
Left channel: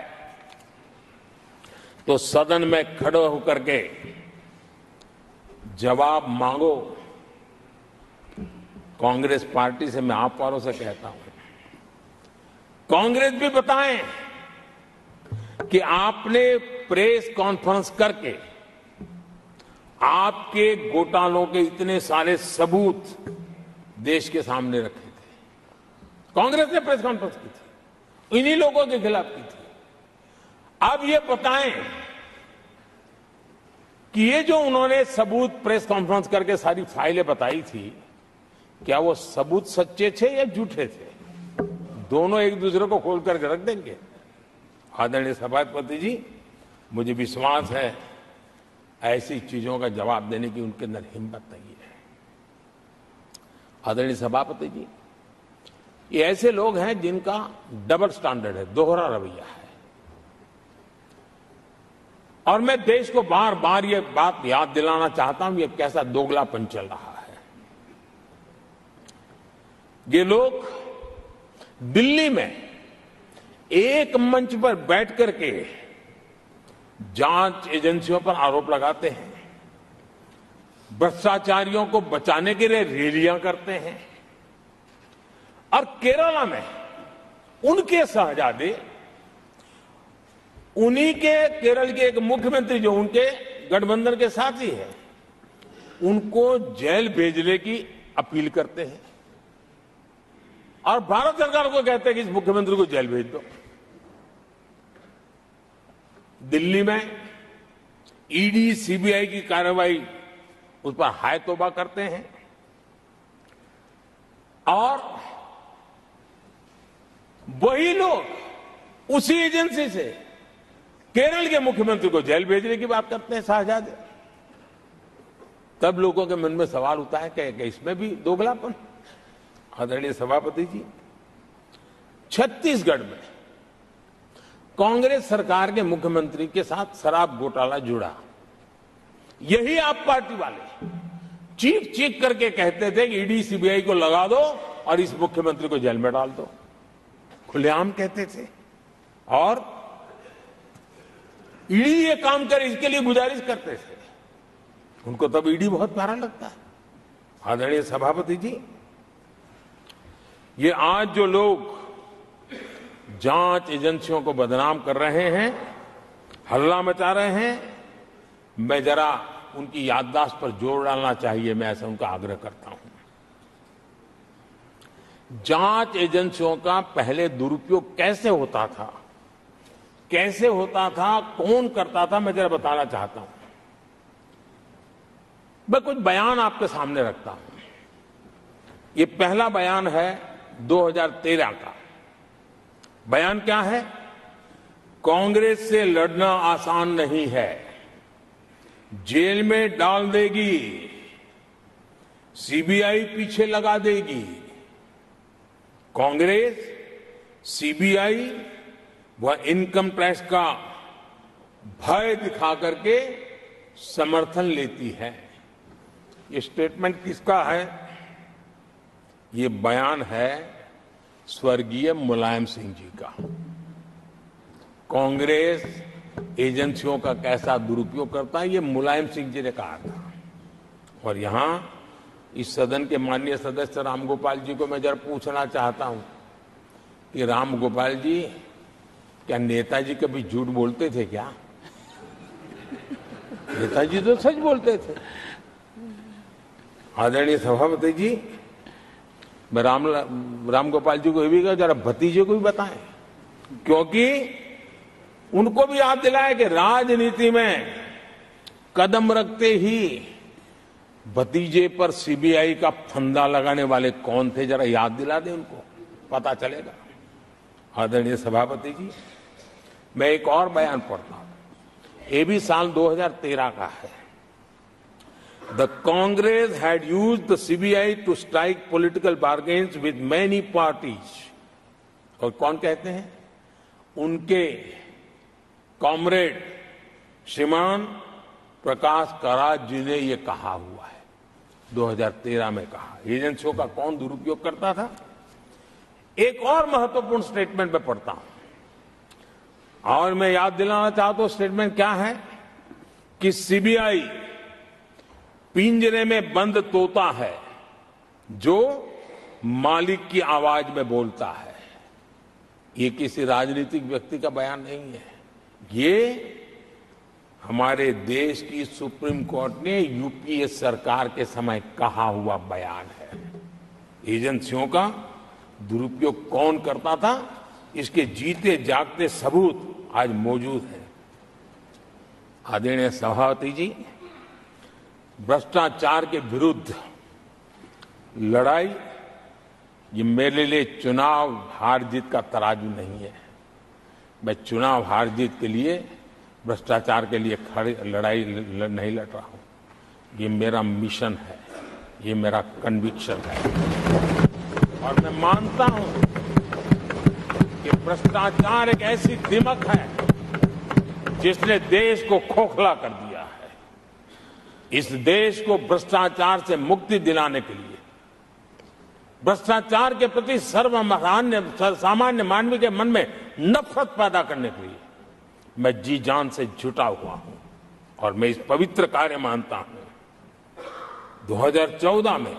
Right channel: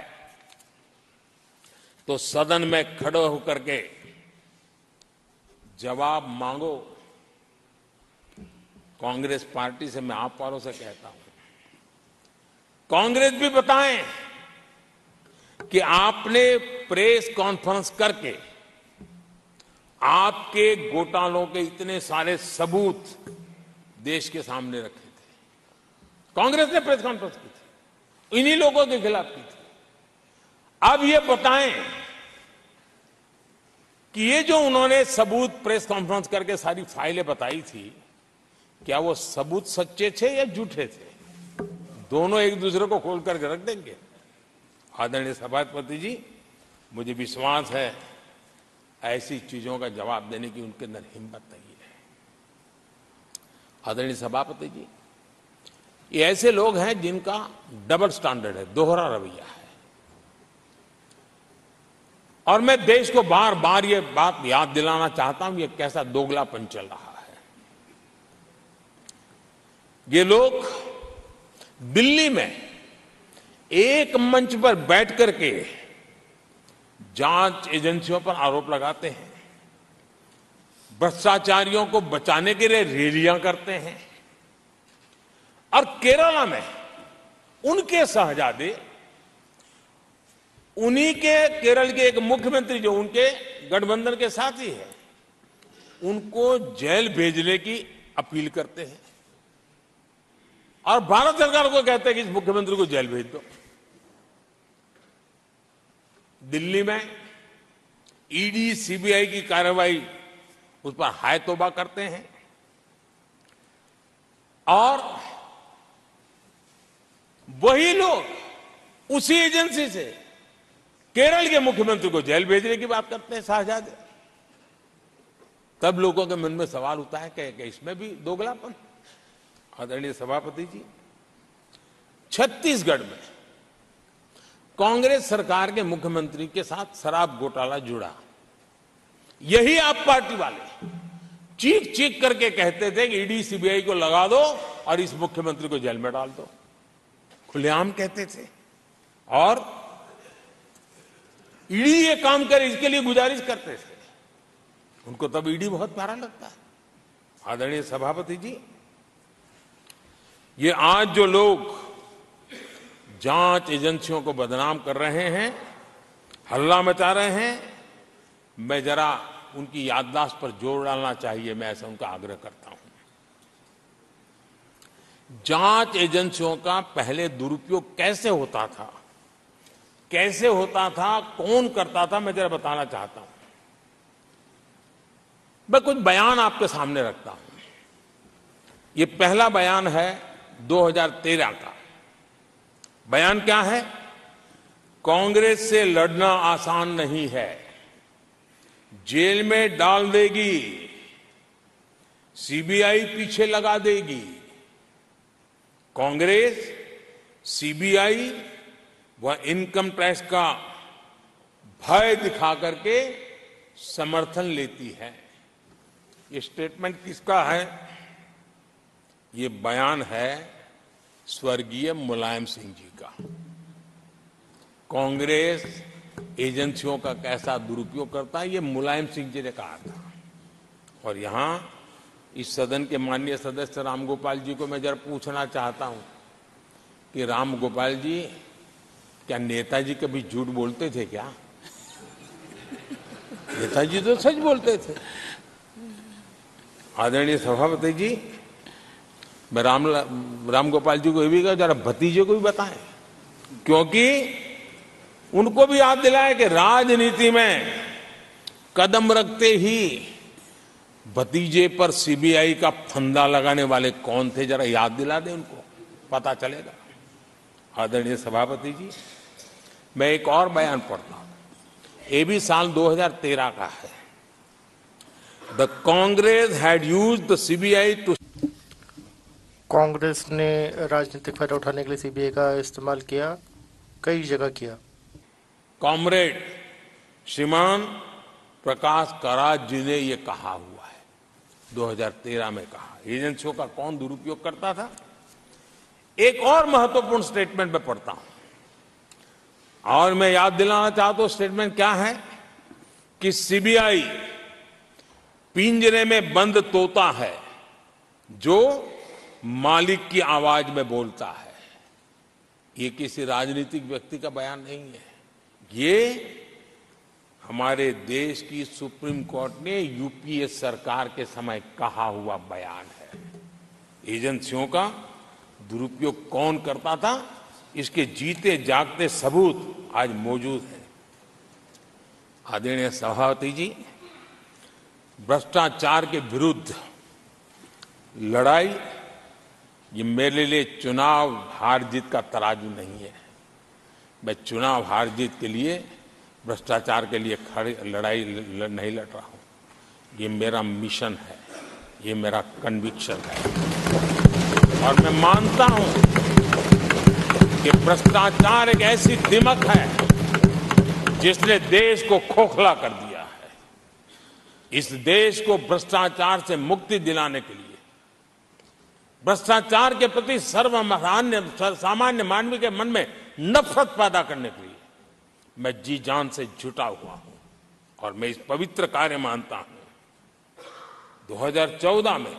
तो सदन में खड़े होकर के जवाब मांगो। कांग्रेस पार्टी से मैं आप वालों से कहता हूं, कांग्रेस भी बताएं कि आपने प्रेस कॉन्फ्रेंस करके आपके घोटालों के इतने सारे सबूत देश के सामने रखे थे। कांग्रेस ने प्रेस कॉन्फ्रेंस की थी, इन्हीं लोगों के खिलाफ की थी। अब ये बताएं कि ये जो उन्होंने सबूत प्रेस कॉन्फ्रेंस करके सारी फाइलें बताई थी, क्या वो सबूत सच्चे थे या झूठे थे? दोनों एक दूसरे को खोल करके रख देंगे। आदरणीय सभापति जी, मुझे विश्वास है ऐसी चीजों का जवाब देने की उनके अंदर हिम्मत नहीं है। आदरणीय सभापति जी, ये ऐसे लोग हैं जिनका डबल स्टैंडर्ड है, दोहरा रवैया है। और मैं देश को बार बार ये बात याद दिलाना चाहता हूं, ये कैसा दोगलापन चल रहा है। ये लोग दिल्ली में एक मंच पर बैठ करके जांच एजेंसियों पर आरोप लगाते हैं, भ्रष्टाचारियों को बचाने के लिए रैलियां करते हैं, और केरला में उनके शहजादे, उन्हीं के केरल के एक मुख्यमंत्री जो उनके गठबंधन के साथी हैं, उनको जेल भेजने की अपील करते हैं, और भारत सरकार को कहते हैं कि इस मुख्यमंत्री को जेल भेज दो। दिल्ली में ईडी सीबीआई की कार्रवाई उस पर हाय तौबा करते हैं, और वही लोग उसी एजेंसी से केरल के मुख्यमंत्री को जेल भेजने की बात करते हैं, शहजादे। तब लोगों के मन में सवाल उठता है कि इसमें भी दोगलापन। आदरणीय सभापति जी, छत्तीसगढ़ में कांग्रेस सरकार के मुख्यमंत्री के साथ शराब घोटाला जुड़ा। यही आप पार्टी वाले चीख चीख करके कहते थे कि ईडी सीबीआई को लगा दो और इस मुख्यमंत्री को जेल में डाल दो, खुलेआम कहते थे। और ईडी ये काम करे इसके लिए गुजारिश करते थे। उनको तब ईडी बहुत प्यारा लगता है। आदरणीय सभापति जी, ये आज जो लोग जांच एजेंसियों को बदनाम कर रहे हैं, हल्ला मचा रहे हैं, मैं जरा उनकी याददाश्त पर जोर डालना चाहिए, मैं ऐसा उनका आग्रह करता हूं। जांच एजेंसियों का पहले दुरुपयोग कैसे होता था, कौन करता था, मैं जरा बताना चाहता हूं। मैं कुछ बयान आपके सामने रखता हूं। ये पहला बयान है 2013 का। बयान क्या है? कांग्रेस से लड़ना आसान नहीं है, जेल में डाल देगी, सीबीआई पीछे लगा देगी। कांग्रेस सीबीआई व इनकम टैक्स का भय दिखा करके समर्थन लेती है। ये स्टेटमेंट किसका है? ये बयान है स्वर्गीय मुलायम सिंह जी का। कांग्रेस एजेंसियों का कैसा दुरुपयोग करता है, ये मुलायम सिंह जी ने कहा था। और यहां इस सदन के माननीय सदस्य रामगोपाल जी को मैं जरा पूछना चाहता हूं कि रामगोपाल जी, क्या नेताजी कभी झूठ बोलते थे क्या? नेताजी तो सच बोलते थे। आदरणीय सभापति जी, मैं रामगोपाल जी को ये भी कहा जरा भतीजे को भी बताएं, क्योंकि उनको भी याद दिलाए कि राजनीति में कदम रखते ही भतीजे पर सीबीआई का फंदा लगाने वाले कौन थे, जरा याद दिला दें उनको, पता चलेगा। आदरणीय सभापति जी, मैं एक और बयान पढ़ता हूं, ये भी साल 2013 का है। The Congress had used the CBI to strike political bargains with many parties. राजनीतिक फायदा उठाने के लिए सीबीआई का इस्तेमाल किया, कई जगह किया। कॉमरेड श्रीमान प्रकाश करात जी ने ये कहा हुआ है, 2013 में कहा। एजेंसियों का कौन दुरुपयोग करता था? एक और महत्वपूर्ण स्टेटमेंट में पढ़ता हूं और मैं याद दिलाना चाहता हूं, स्टेटमेंट क्या है कि सीबीआई पिंजरे में बंद तोता है जो मालिक की आवाज में बोलता है। ये किसी राजनीतिक व्यक्ति का बयान नहीं है, ये हमारे देश की सुप्रीम कोर्ट ने यूपीए सरकार के समय कहा हुआ बयान है। एजेंसियों का दुरुपयोग कौन करता था, इसके जीते जागते सबूत आज मौजूद हैं। आदरणीय सभापति जी, भ्रष्टाचार के विरुद्ध लड़ाई ये मेरे लिए चुनाव हार जीत का तराजू नहीं है। मैं चुनाव हार जीत के लिए, भ्रष्टाचार के लिए लड़ाई नहीं लड़ रहा हूं। ये मेरा मिशन है, ये मेरा कन्विक्शन है और मैं मानता हूं कि भ्रष्टाचार एक ऐसी दिमक है जिसने देश को खोखला कर दिया है। इस देश को भ्रष्टाचार से मुक्ति दिलाने के लिए, भ्रष्टाचार के प्रति सामान्य मानवी के मन में नफरत पैदा करने के लिए मैं जी जान से जुटा हुआ हूं और मैं इस पवित्र कार्य मानता हूं। 2014 में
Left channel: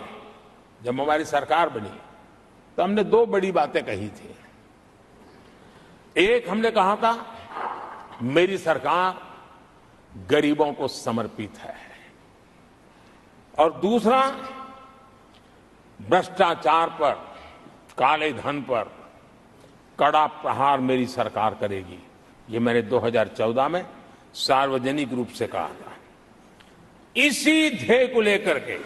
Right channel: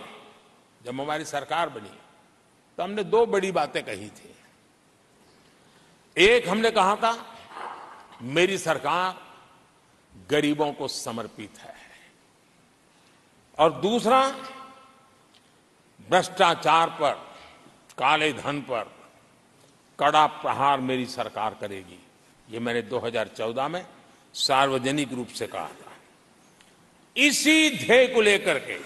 जब हमारी सरकार बनी तो हमने दो बड़ी बातें कही थी। एक, हमने कहा था मेरी सरकार गरीबों को समर्पित है, और दूसरा, भ्रष्टाचार पर, काले धन पर कड़ा प्रहार मेरी सरकार करेगी। ये मैंने 2014 में सार्वजनिक रूप से कहा था। इसी ध्येय को लेकर के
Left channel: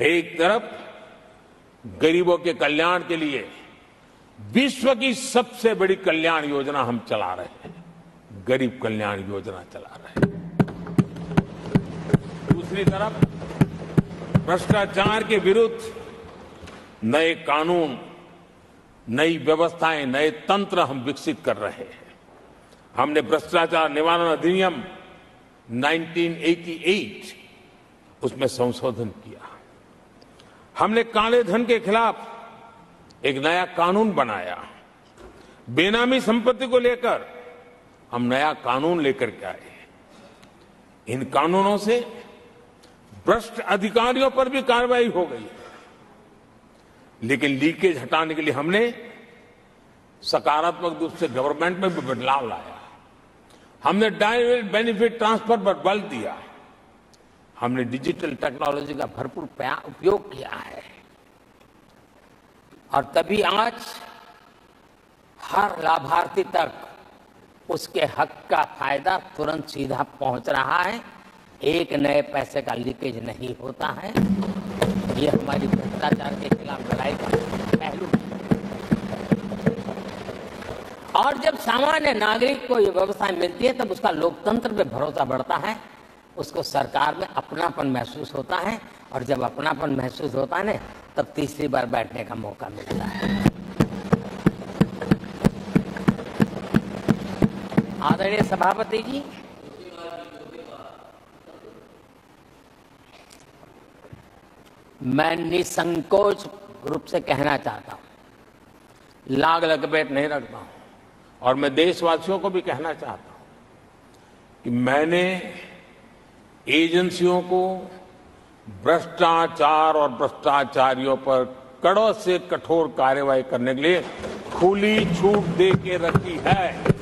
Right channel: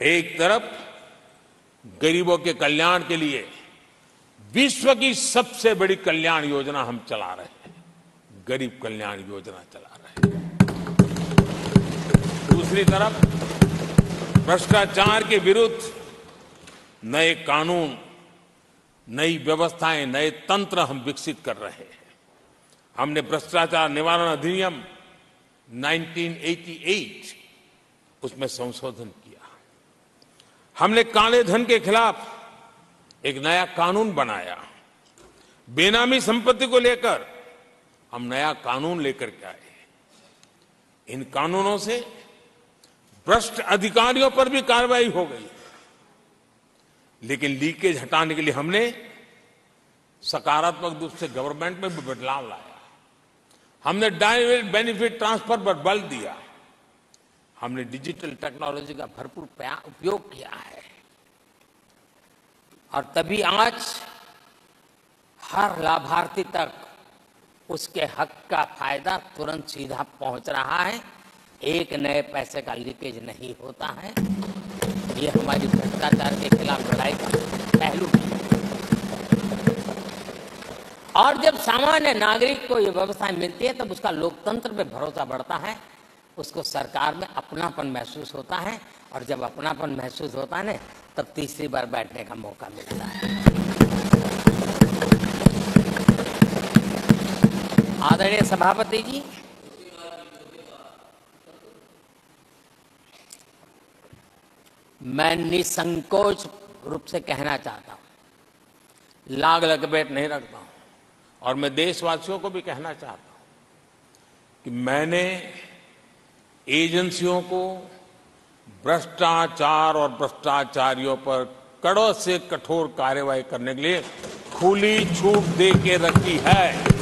एक तरफ गरीबों के कल्याण के लिए विश्व की सबसे बड़ी कल्याण योजना हम चला रहे हैं, गरीब कल्याण योजना चला रहे हैं। दूसरी तरफ भ्रष्टाचार के विरुद्ध नए कानून, नई व्यवस्थाएं, नए तंत्र हम विकसित कर रहे हैं। हमने भ्रष्टाचार निवारण अधिनियम 1988 उसमें संशोधन किया। हमने काले धन के खिलाफ एक नया कानून बनाया। बेनामी संपत्ति को लेकर हम नया कानून लेकर के आए। इन कानूनों से भ्रष्ट अधिकारियों पर भी कार्रवाई हो गई, लेकिन लीकेज हटाने के लिए हमने सकारात्मक रूप से गवर्नमेंट में भी बदलाव लाया। हमने डायरेक्ट बेनिफिट ट्रांसफर पर बल दिया। हमने डिजिटल टेक्नोलॉजी का भरपूर उपयोग किया है और तभी आज हर लाभार्थी तक उसके हक का फायदा तुरंत सीधा पहुंच रहा है। एक नए पैसे का लीकेज नहीं होता है। ये हमारी भ्रष्टाचार के खिलाफ लड़ाई का पहलू है। और जब सामान्य नागरिक को ये व्यवस्था मिलती है तब उसका लोकतंत्र पे भरोसा बढ़ता है, उसको सरकार में अपनापन महसूस होता है, और जब अपनापन महसूस होता है ना तब तीसरी बार बैठने का मौका मिलता है। आदरणीय सभापति जी, मैं निसंकोच रूप से कहना चाहता हूं, लाग लपेट नहीं रखता हूं, और मैं देशवासियों को भी कहना चाहता हूं कि मैंने एजेंसियों को भ्रष्टाचार और भ्रष्टाचारियों पर कड़ों से कठोर कार्रवाई करने के लिए खुली छूट दे के रखी है।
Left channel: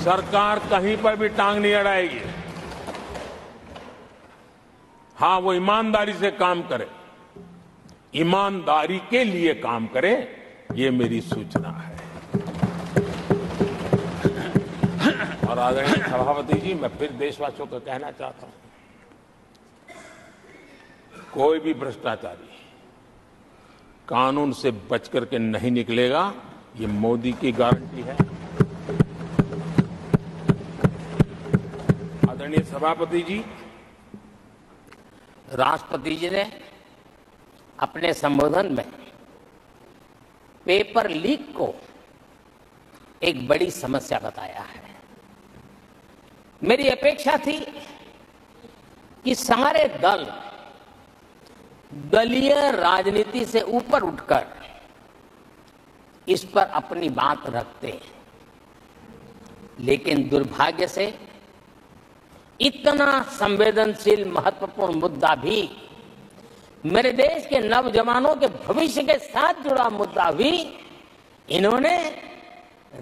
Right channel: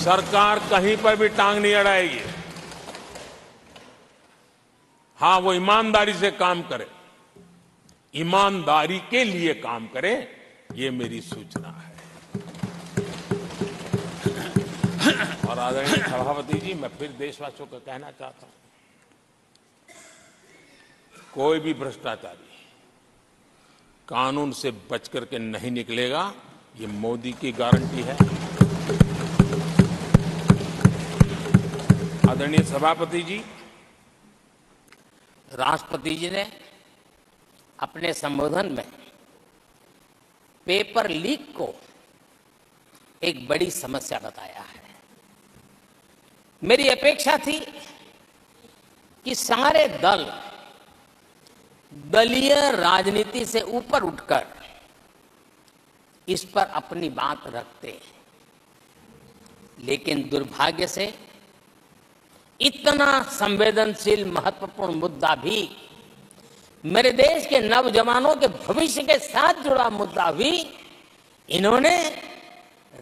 सरकार कहीं पर भी टांग नहीं अड़ाएगी। हां, वो ईमानदारी से काम करे, ईमानदारी के लिए काम करे, ये मेरी सूचना है। और आदरणीय सभापति जी, मैं फिर देशवासियों को कहना चाहता हूं, कोई भी भ्रष्टाचारी कानून से बच करके नहीं निकलेगा, ये मोदी की गारंटी है। आदरणीय सभापति जी, राष्ट्रपति जी ने अपने संबोधन में पेपर लीक को एक बड़ी समस्या बताया है। मेरी अपेक्षा थी कि सारे दल दलीय राजनीति से ऊपर उठकर इस पर अपनी बात रखते हैं, लेकिन दुर्भाग्य से इतना संवेदनशील महत्वपूर्ण मुद्दा भी, मेरे देश के नौजवानों के भविष्य के साथ जुड़ा मुद्दा भी इन्होंने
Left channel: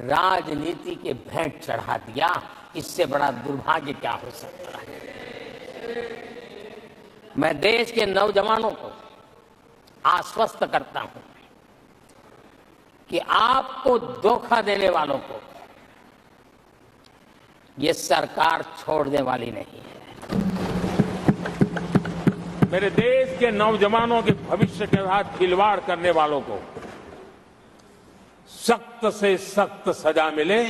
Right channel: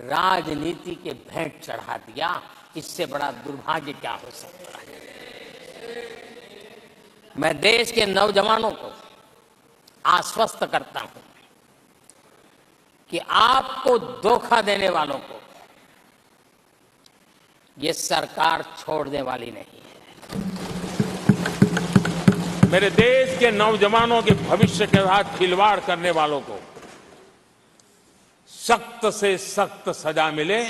राजनीति के भेंट चढ़ा दिया। इससे बड़ा दुर्भाग्य क्या हो सकता है। मैं देश के नौजवानों को आश्वस्त करता हूं कि आपको धोखा देने वालों को ये सरकार छोड़ने वाली नहीं है। मेरे देश के नौजवानों के भविष्य के साथ खिलवाड़ करने वालों को सख्त से सख्त सजा मिले,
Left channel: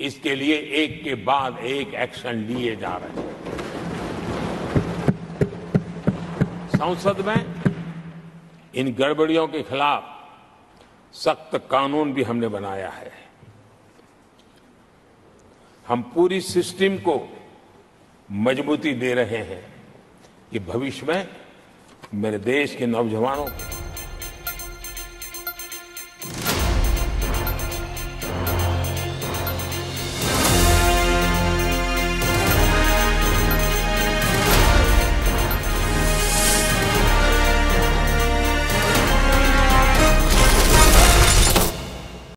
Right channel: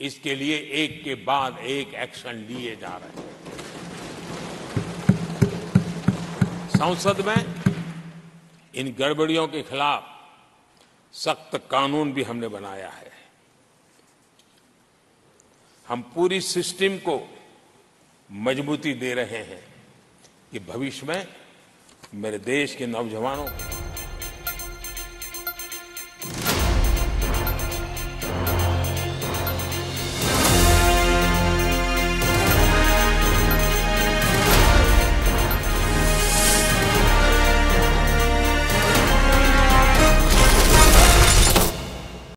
इसके लिए एक के बाद एक एक्शन लिए जा रहे हैं। संसद में इन गड़बड़ियों के खिलाफ सख्त कानून भी हमने बनाया है। हम पूरी सिस्टम को मजबूती दे रहे हैं कि भविष्य में मेरे देश के नौजवानों